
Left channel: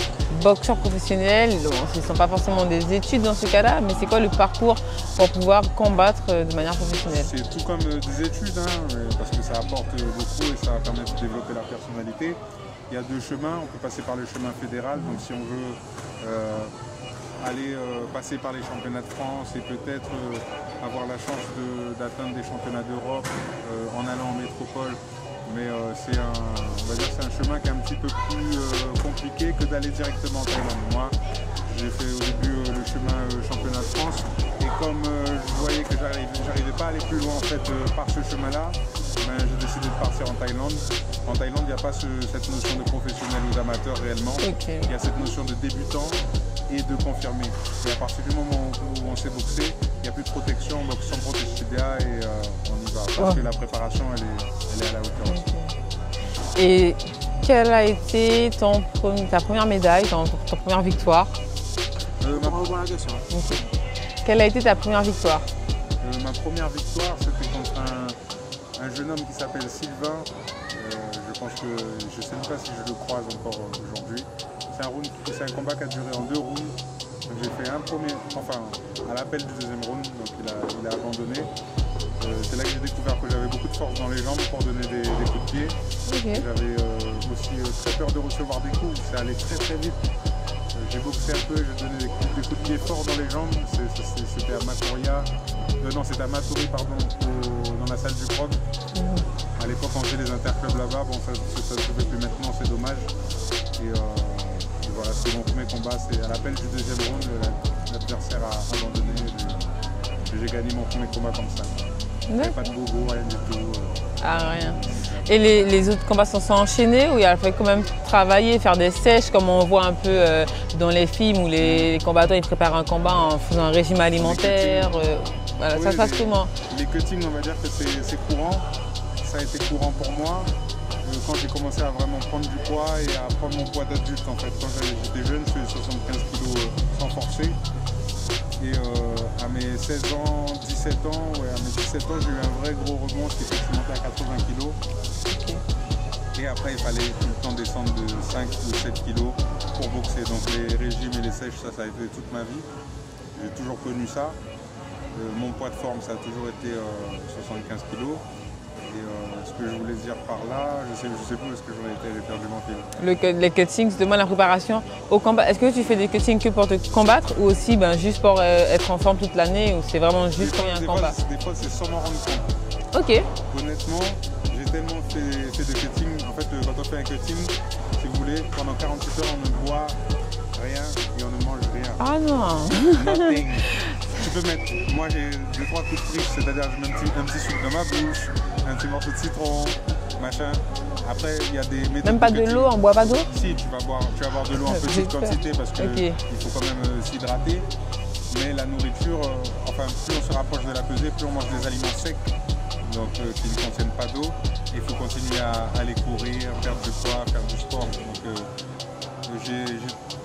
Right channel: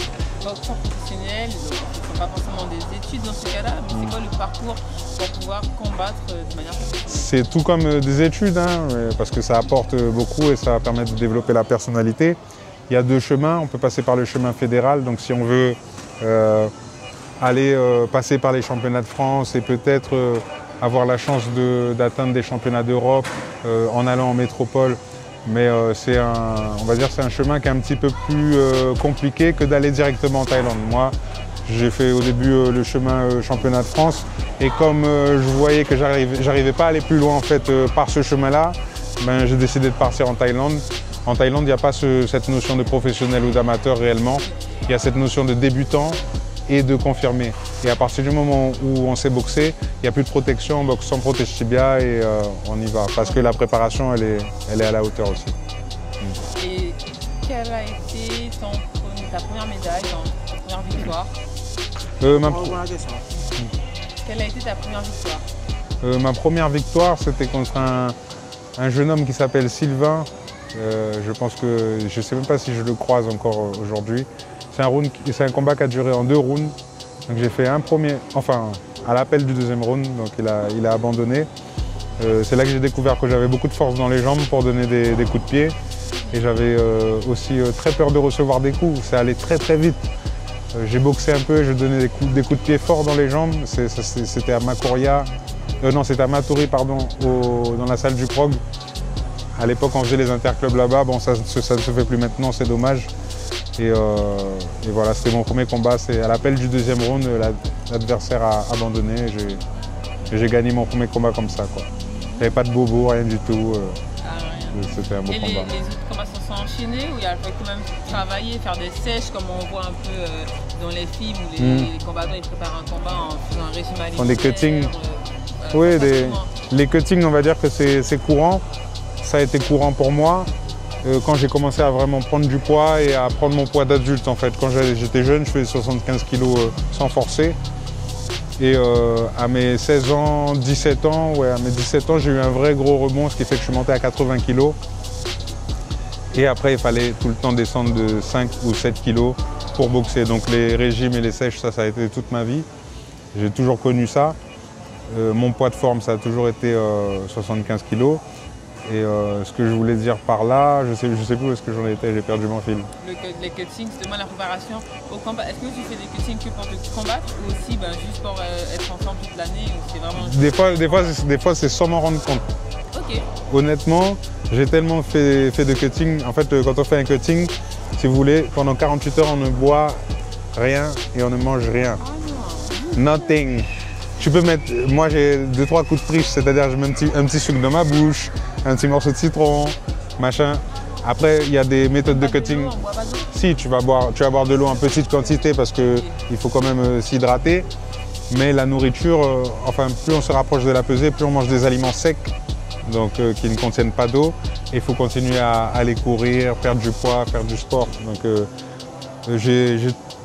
boxeur professionnel? Ce ne sont pas forcément des études dans ce cas-là, mais c'est quoi le parcours pour pouvoir combattre de manière professionnelle? C'est tout comme des études, hein, parce que ça apporte beaucoup et ça permet de développer la personnalité. Il y a 2 chemins, on peut passer par le chemin fédéral, donc si on veut aller passer par les championnats de France et peut-être avoir la chance d'atteindre des championnats d'Europe en allant en métropole. Mais on va dire c'est un chemin qui est un petit peu plus compliqué que d'aller directement en Thaïlande. Moi, j'ai fait au début le chemin championnat de France et comme je voyais que j'arrivais pas à aller plus loin en fait par ce chemin-là, ben, j'ai décidé de partir en Thaïlande. En Thaïlande, il n'y a pas cette notion de professionnel ou d'amateur réellement. Okay. Il y a cette notion de débutant et de confirmé. Et à partir du moment où on sait boxer, il n'y a plus de protection, on boxe sans protège tibia et on y va. Parce que la préparation, elle est à la hauteur aussi. Et quelle a été ta première médaille, ta première victoire? Quelle a été ta première victoire? Ma première victoire, c'était contre un jeune homme qui s'appelle Sylvain. Je pense que, je ne sais même pas si je le croise encore aujourd'hui. C'est un combat qui a duré en 2 rounds. Donc j'ai fait un premier, enfin à l'appel du 2e round, donc il a abandonné. C'est là que j'ai découvert que j'avais beaucoup de force dans les jambes pour donner des coups de pied. Okay. Et j'avais aussi très peur de recevoir des coups, ça allait très très vite. J'ai boxé un peu, je donnais des coups de pied forts dans les jambes. C'était à Makuria, c'était à Maturi, pardon, dans la salle du Prog. À l'époque, on faisait les interclubs là-bas. Bon, ça ne se fait plus maintenant, c'est dommage. Et voilà, c'était mon premier combat. C'est à l'appel du 2e round, l'adversaire a abandonné et j'ai gagné mon premier combat comme ça, quoi. Il n'y avait pas de bobo, rien du tout. Rien. Et les autres combats se sont enchaînés ou il a fallu quand même travailler, faire des sèches comme on voit un peu dans les films où les combattants ils préparent un combat en faisant un régime alimentaire. Voilà, oui, les cuttings, on va dire que c'est courant. Ça a été courant pour moi quand j'ai commencé à vraiment prendre du poids et à prendre mon poids d'adulte en fait. Quand j'étais jeune, je faisais 75 kg sans forcer. Et à mes 16 ans, 17 ans, ouais, à mes 17 ans, j'ai eu un vrai gros rebond, ce qui fait que je suis monté à 80 kg. Et après, il fallait tout le temps descendre de 5 ou 7 kilos pour boxer. Donc les régimes et les sèches, ça a été toute ma vie. J'ai toujours connu ça. Mon poids de forme, ça a toujours été 75 kilos. Et ce que je voulais dire par là, je sais plus où est-ce que j'en étais, j'ai perdu mon fil. Les cuttings, demain la préparation au combat. Est-ce que tu fais des cuttings que pour te combattre ou aussi juste pour être en forme toute l'année ou c'est vraiment juste des fois, c'est sans m'en rendre compte. Ok. Honnêtement, j'ai tellement fait de cutting. En fait, quand on fait un cutting, si vous voulez, pendant 48 heures, on ne boit rien et on ne mange rien. Ah non. Nothing. Tu peux mettre, moi j'ai 2-3 coups de triche, c'est-à-dire je mets un petit sucre dans ma bouche, un petit morceau de citron, machin. Après, il y a des méthodes de cutting. On boit pas d'eau? Si, tu vas boire de l'eau en petite quantité parce qu'il faut quand même s'hydrater. Mais la nourriture, enfin, plus on se rapproche de la pesée, plus on mange des aliments secs, donc qui ne contiennent pas d'eau. Il faut continuer à aller courir, perdre du poids, faire du sport. Donc j'ai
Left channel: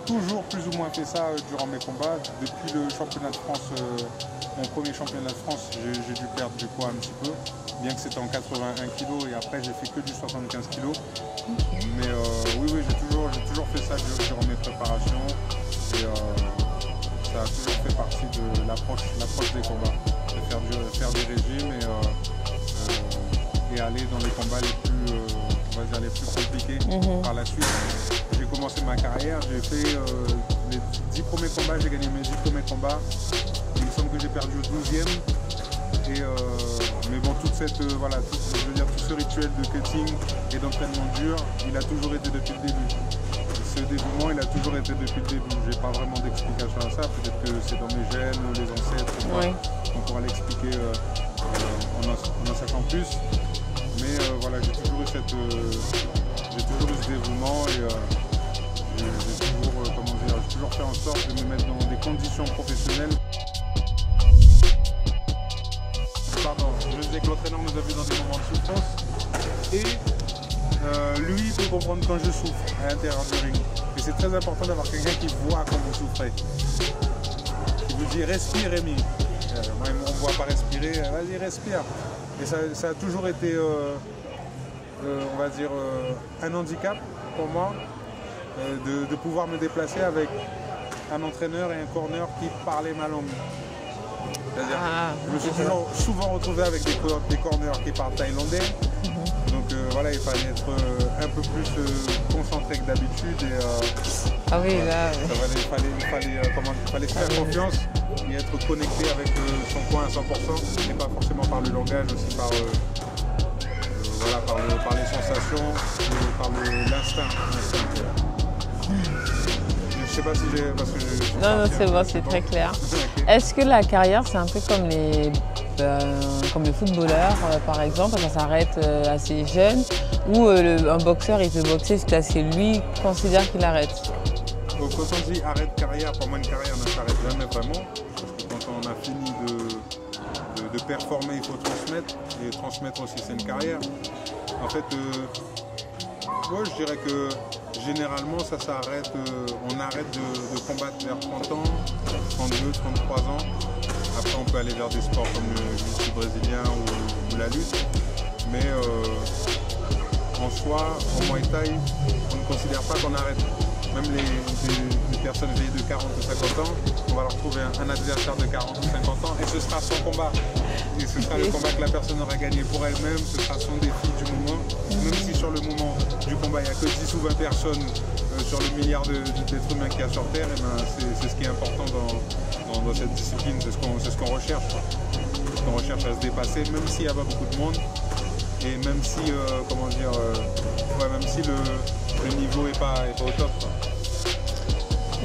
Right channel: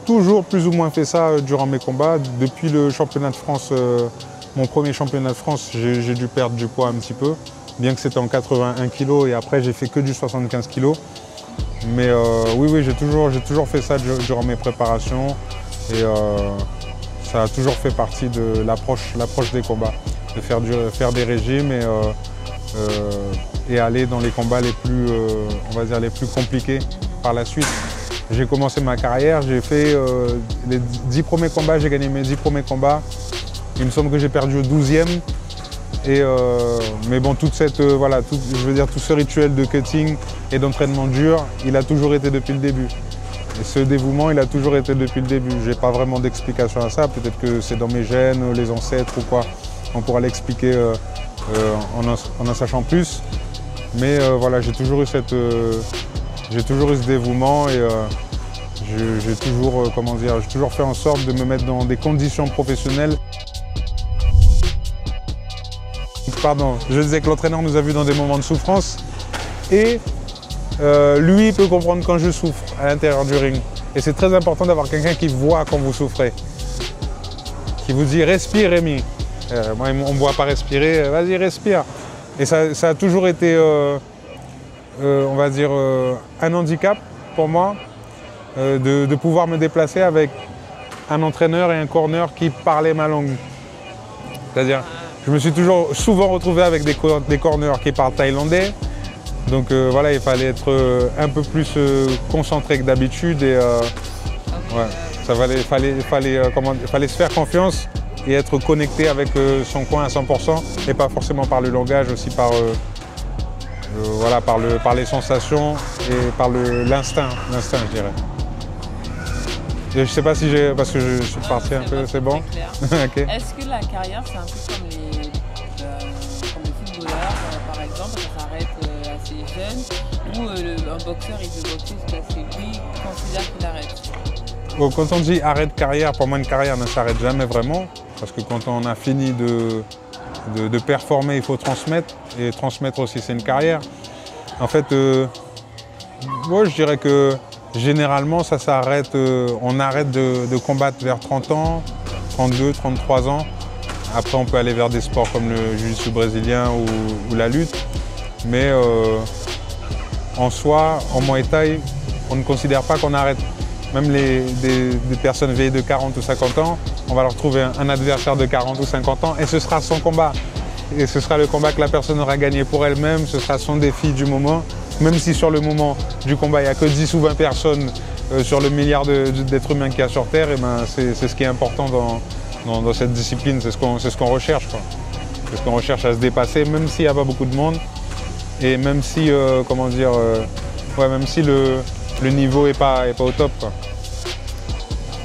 toujours plus ou moins fait ça durant mes combats. Depuis le championnat de France, mon premier championnat de France, j'ai dû perdre du poids un petit peu, bien que c'était en 81 kg et après j'ai fait que du 75 kg. Mais oui, j'ai toujours fait ça durant mes préparations et ça a toujours fait partie de l'approche des combats, de faire des régimes et aller dans les combats les plus, on va dire, les plus compliqués par la suite. J'ai commencé ma carrière, j'ai fait les 10 premiers combats, j'ai gagné mes 10 premiers combats. Il me semble que j'ai perdu au 12e. Mais bon, tout ce rituel de cutting et d'entraînement dur, il a toujours été depuis le début. Et ce dévouement, il a toujours été depuis le début. Je n'ai pas vraiment d'explication à ça. Peut-être que c'est dans mes gènes, les ancêtres ou quoi. On pourra l'expliquer en en sachant plus. Mais voilà, j'ai toujours eu ce dévouement et j'ai toujours fait en sorte de me mettre dans des conditions professionnelles. Pardon, je disais que l'entraîneur nous a vus dans des moments de souffrance et lui peut comprendre quand je souffre à l'intérieur du ring. Et c'est très important d'avoir quelqu'un qui voit quand vous souffrez, qui vous dit « respire Rémi ». Moi, on ne me voit pas respirer, vas-y respire. Et ça a toujours été, on va dire, un handicap pour moi de pouvoir me déplacer avec un entraîneur et un corner qui parlaient ma langue. C'est-à-dire, je me suis souvent retrouvé avec des corners qui parlent thaïlandais. Donc voilà, il fallait être un peu plus concentré que d'habitude. Et il fallait se faire confiance et être connecté avec son coin à 100% et pas forcément par le langage, aussi par les sensations et par l'instinct, je dirais. Je ne sais pas si j'ai... parce que je suis parti un peu, c'est bon, très clair. Okay. Est-ce que la carrière, c'est un peu comme le footballeur, par exemple, ça s'arrête assez jeune, ou un boxeur, il peut boxer jusqu'à ce que lui considère qu'il arrête? Bon, quand on dit arrêt de carrière, pour moi, une carrière ne s'arrête jamais vraiment, parce que quand on a fini de performer, il faut transmettre, et transmettre aussi, c'est une carrière. En fait, moi, je dirais que généralement, ça s'arrête, on arrête de combattre vers 30 ans, 32, 33 ans. Après, on peut aller vers des sports comme le jiu-jitsu brésilien ou la lutte. Mais en soi, en Muay Thai, on ne considère pas qu'on arrête. Même des personnes vieilles de 40 ou 50 ans, on va leur trouver un adversaire de 40 ou 50 ans et ce sera son combat. Et ce sera le combat que la personne aura gagné pour elle-même, ce sera son défi du moment. Même si sur le moment du combat, il n'y a que 10 ou 20 personnes sur le milliard d'êtres humains qu'il y a sur Terre, et ben c'est ce qui est important dans cette discipline, c'est ce qu'on recherche. C'est ce qu'on recherche à se dépasser, même s'il n'y a pas beaucoup de monde. Et même si, même si le niveau n'est pas au top, quoi.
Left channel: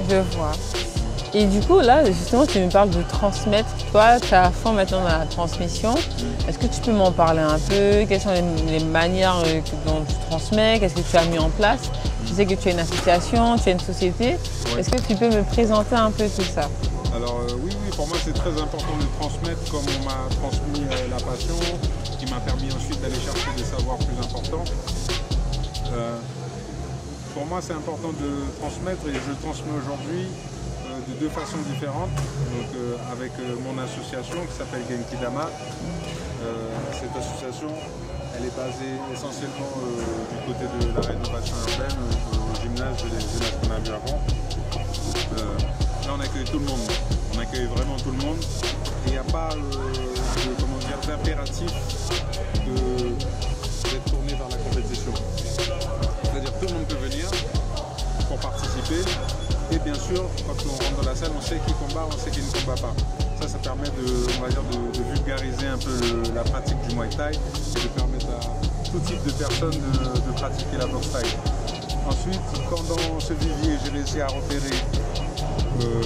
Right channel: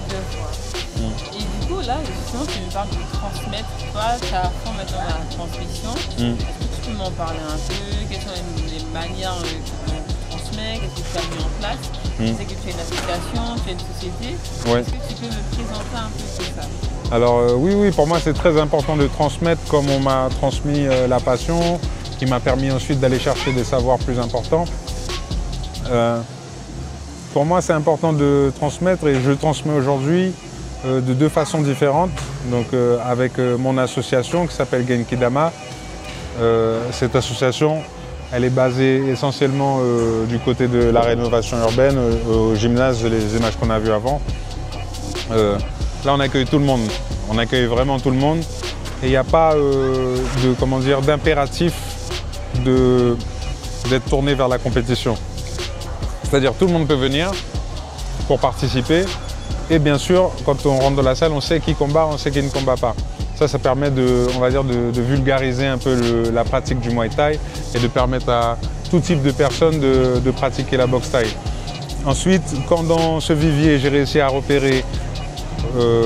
Je vois. Et du coup, là, justement, tu me parles de transmettre. Toi, tu as à fond maintenant dans la transmission. Est-ce que tu peux m'en parler un peu? Quelles sont les manières dont tu transmets? Qu'est-ce que tu as mis en place? Je sais que tu as une association, tu as une société. Ouais. Est-ce que tu peux me présenter un peu tout ça? Alors oui, pour moi, c'est très important de transmettre comme on m'a transmis la passion, qui m'a permis ensuite d'aller chercher des savoirs plus importants. Pour moi, c'est important de transmettre et je transmets aujourd'hui de deux façons différentes. Donc avec mon association qui s'appelle Genki Dama. Cette association, Elle est basée essentiellement du côté de la rénovation urbaine, au gymnase, les images qu'on a vues avant. Là, on accueille tout le monde. On accueille vraiment tout le monde. Et il n'y a pas d'impératif d'être tourné vers la compétition. C'est-à-dire tout le monde peut venir pour participer. Et bien sûr, quand on rentre dans la salle, on sait qui combat, on sait qui ne combat pas. Ça permet de vulgariser un peu la pratique du Muay Thai et de permettre à tout type de personnes de pratiquer la boxe thaï. Ensuite, quand dans ce vivier, j'ai réussi à repérer,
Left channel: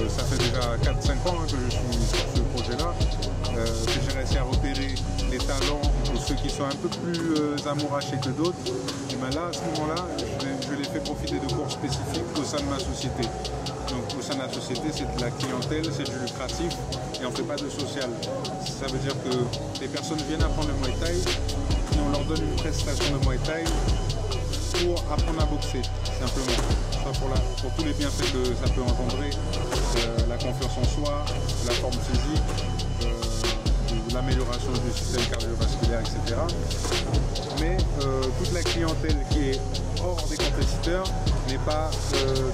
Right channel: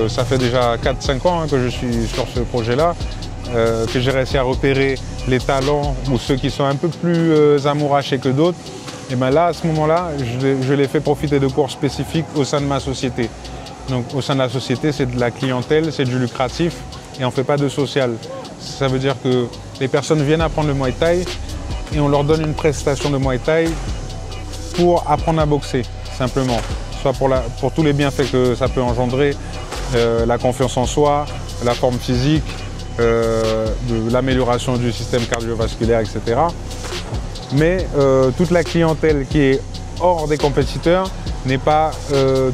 ça fait déjà 4-5 ans que je suis sur ce projet-là, que j'ai réussi à repérer les talents ou ceux qui sont un peu plus amourachés que d'autres, et bien là, à ce moment-là, je les fais profiter de cours spécifiques au sein de ma société. Donc au sein de la société, c'est de la clientèle, c'est du lucratif et on ne fait pas de social. Ça veut dire que les personnes viennent apprendre le Muay Thai et on leur donne une prestation de Muay Thai pour apprendre à boxer, simplement. Soit pour tous les bienfaits que ça peut engendrer, la confiance en soi, la forme physique, l'amélioration du système cardiovasculaire, etc. Mais toute la clientèle qui est hors des compétiteurs n'est pas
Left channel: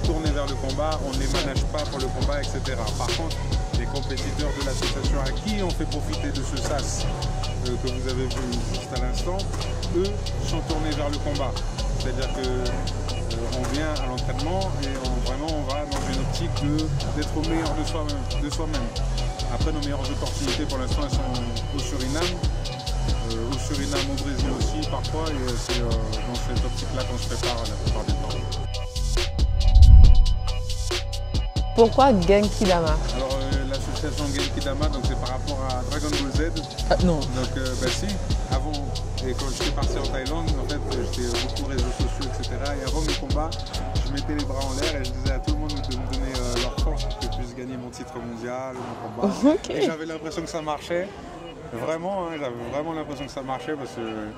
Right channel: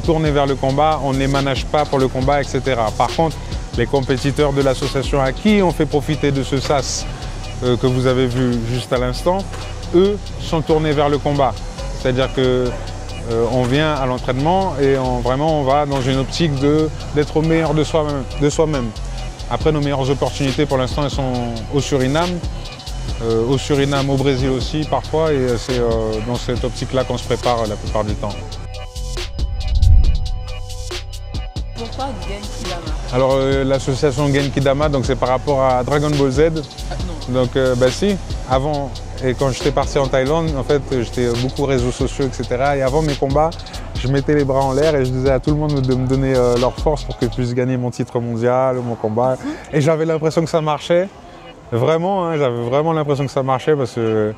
tournée vers le combat, on ne les manage pas pour le combat, etc. Par contre, les compétiteurs de l'association à qui on fait profiter de ce sas que vous avez vu juste à l'instant, eux sont tournés vers le combat. C'est-à-dire qu'on vient à l'entraînement et on va dans une optique d'être au meilleur de soi-même. Après, nos meilleures opportunités pour l'instant, elles sont au Suriname. Au Brésil aussi parfois, et c'est dans cette optique-là qu'on se prépare la plupart du temps. Pourquoi Genki Dama? Alors l'association Genki Dama, c'est par rapport à Dragon Ball Z. Non. Donc si, avant, et quand j'étais parti en Thaïlande, en fait j'étais beaucoup réseaux sociaux, etc. Et avant mes combats, je mettais les bras en l'air et je disais à tout le monde de me donner leur force pour que je puisse gagner mon titre mondial, mon combat. Okay. Et j'avais l'impression que ça marchait. Vraiment, hein, j'avais vraiment l'impression que ça marchait parce que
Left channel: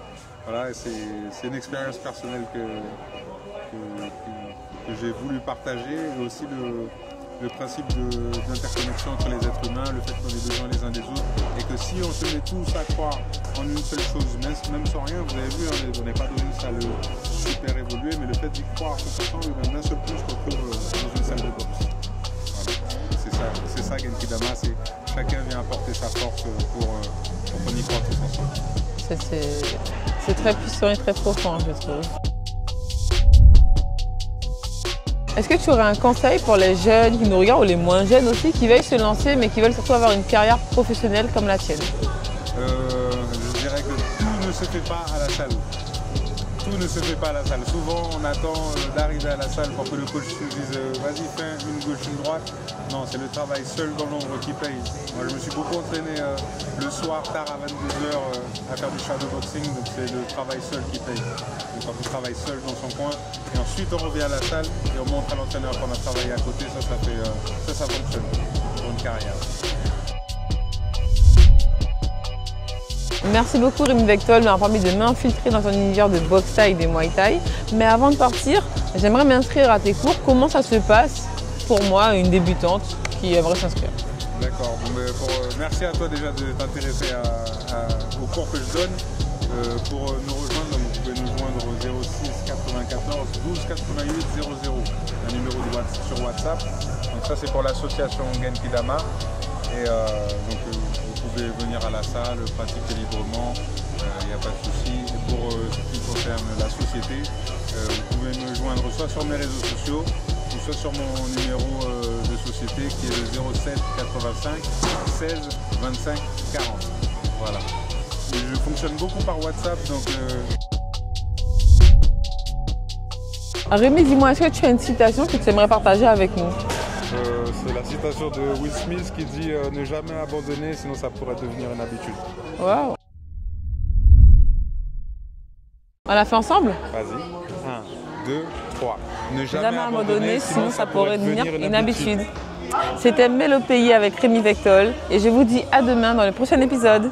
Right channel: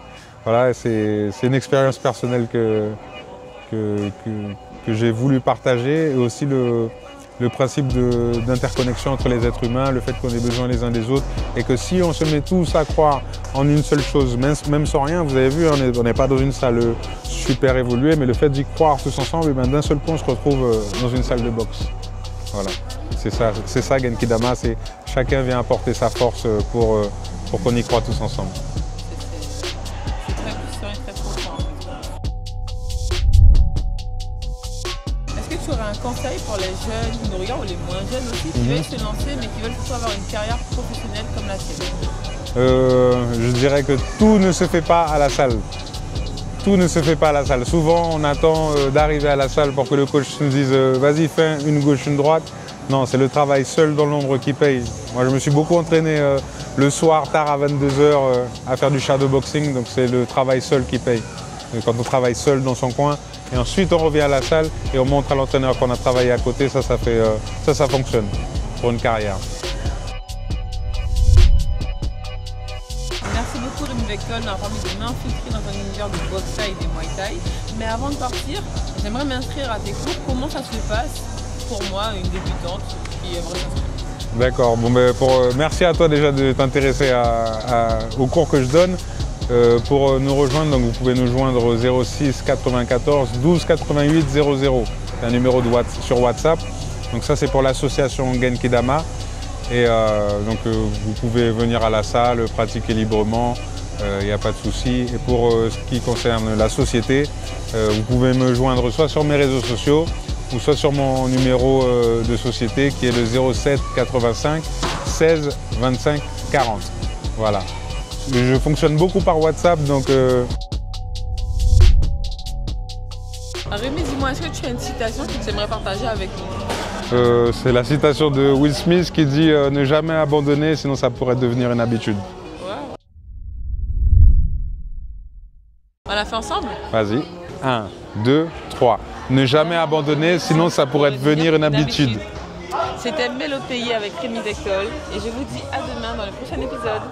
voilà, c'est une expérience personnelle que j'ai voulu partager, et aussi le principe d'interconnexion entre les êtres humains, le fait qu'on ait besoin les uns des autres, et que si on se met tous à croire en une seule chose, même sans rien, vous avez vu, on n'est pas dans une salle super évoluée, mais le fait d'y croire tous ensemble, d'un seul coup on se retrouve dans une salle de boxe. Voilà. C'est ça Genki Dama, c'est chacun vient apporter sa force pour qu'on y croit tous ensemble. C'est très puissant et très profond, je trouve. Est-ce que tu aurais un conseil pour les jeunes qui nous regardent, ou les moins jeunes aussi, qui veulent se lancer mais qui veulent surtout avoir une carrière professionnelle comme la tienne? Je dirais que tout ne se fait pas à la salle. Tout ne se fait pas à la salle. Souvent, on attend d'arriver à la salle pour que le coach nous dise vas-y, fais une gauche, une droite. Non, c'est le travail seul dans l'ombre qui paye. Moi, je me suis beaucoup entraîné le soir, tard à 22h, à faire du shadowboxing. Donc, c'est le travail seul qui paye. Et quand on travaille seul dans son coin, et ensuite on revient à la salle et on montre à l'entraîneur qu'on a travaillé à côté, ça fonctionne pour une carrière. Merci beaucoup Rémi Vectol de m'avoir permis de m'infiltrer dans un univers de boxe thaï et des Muay Thai. Mais avant de partir, j'aimerais m'inscrire à tes cours. Comment ça se passe pour moi, une débutante qui aimerait s'inscrire? D'accord, merci à toi déjà de t'intéresser aux cours que je donne. Pour nous rejoindre, donc vous pouvez nous joindre au 06 94 12 88 00. C'est un numéro sur WhatsApp. Donc ça c'est pour l'association Genki Dama. Et vous pouvez venir à la salle, pratiquer librement, il n'y a pas de souci. Et pour ce qui concerne la société, vous pouvez me joindre soit sur mes réseaux sociaux ou soit sur mon numéro de société qui est le 07 85 16 25 40. Voilà. Je fonctionne beaucoup par WhatsApp, donc... Rémi, dis-moi, est-ce que tu as une citation que tu aimerais partager avec nous? C'est la citation de Will Smith qui dit « Ne jamais abandonner, sinon ça pourrait devenir une habitude. » Wow. On l'a fait ensemble? Vas-y. 1, 2, 3. Ne jamais abandonner, sinon ça pourrait devenir une habitude. C'était Mélopéi avec Rémi Vectol et je vous dis à demain dans le prochain épisode.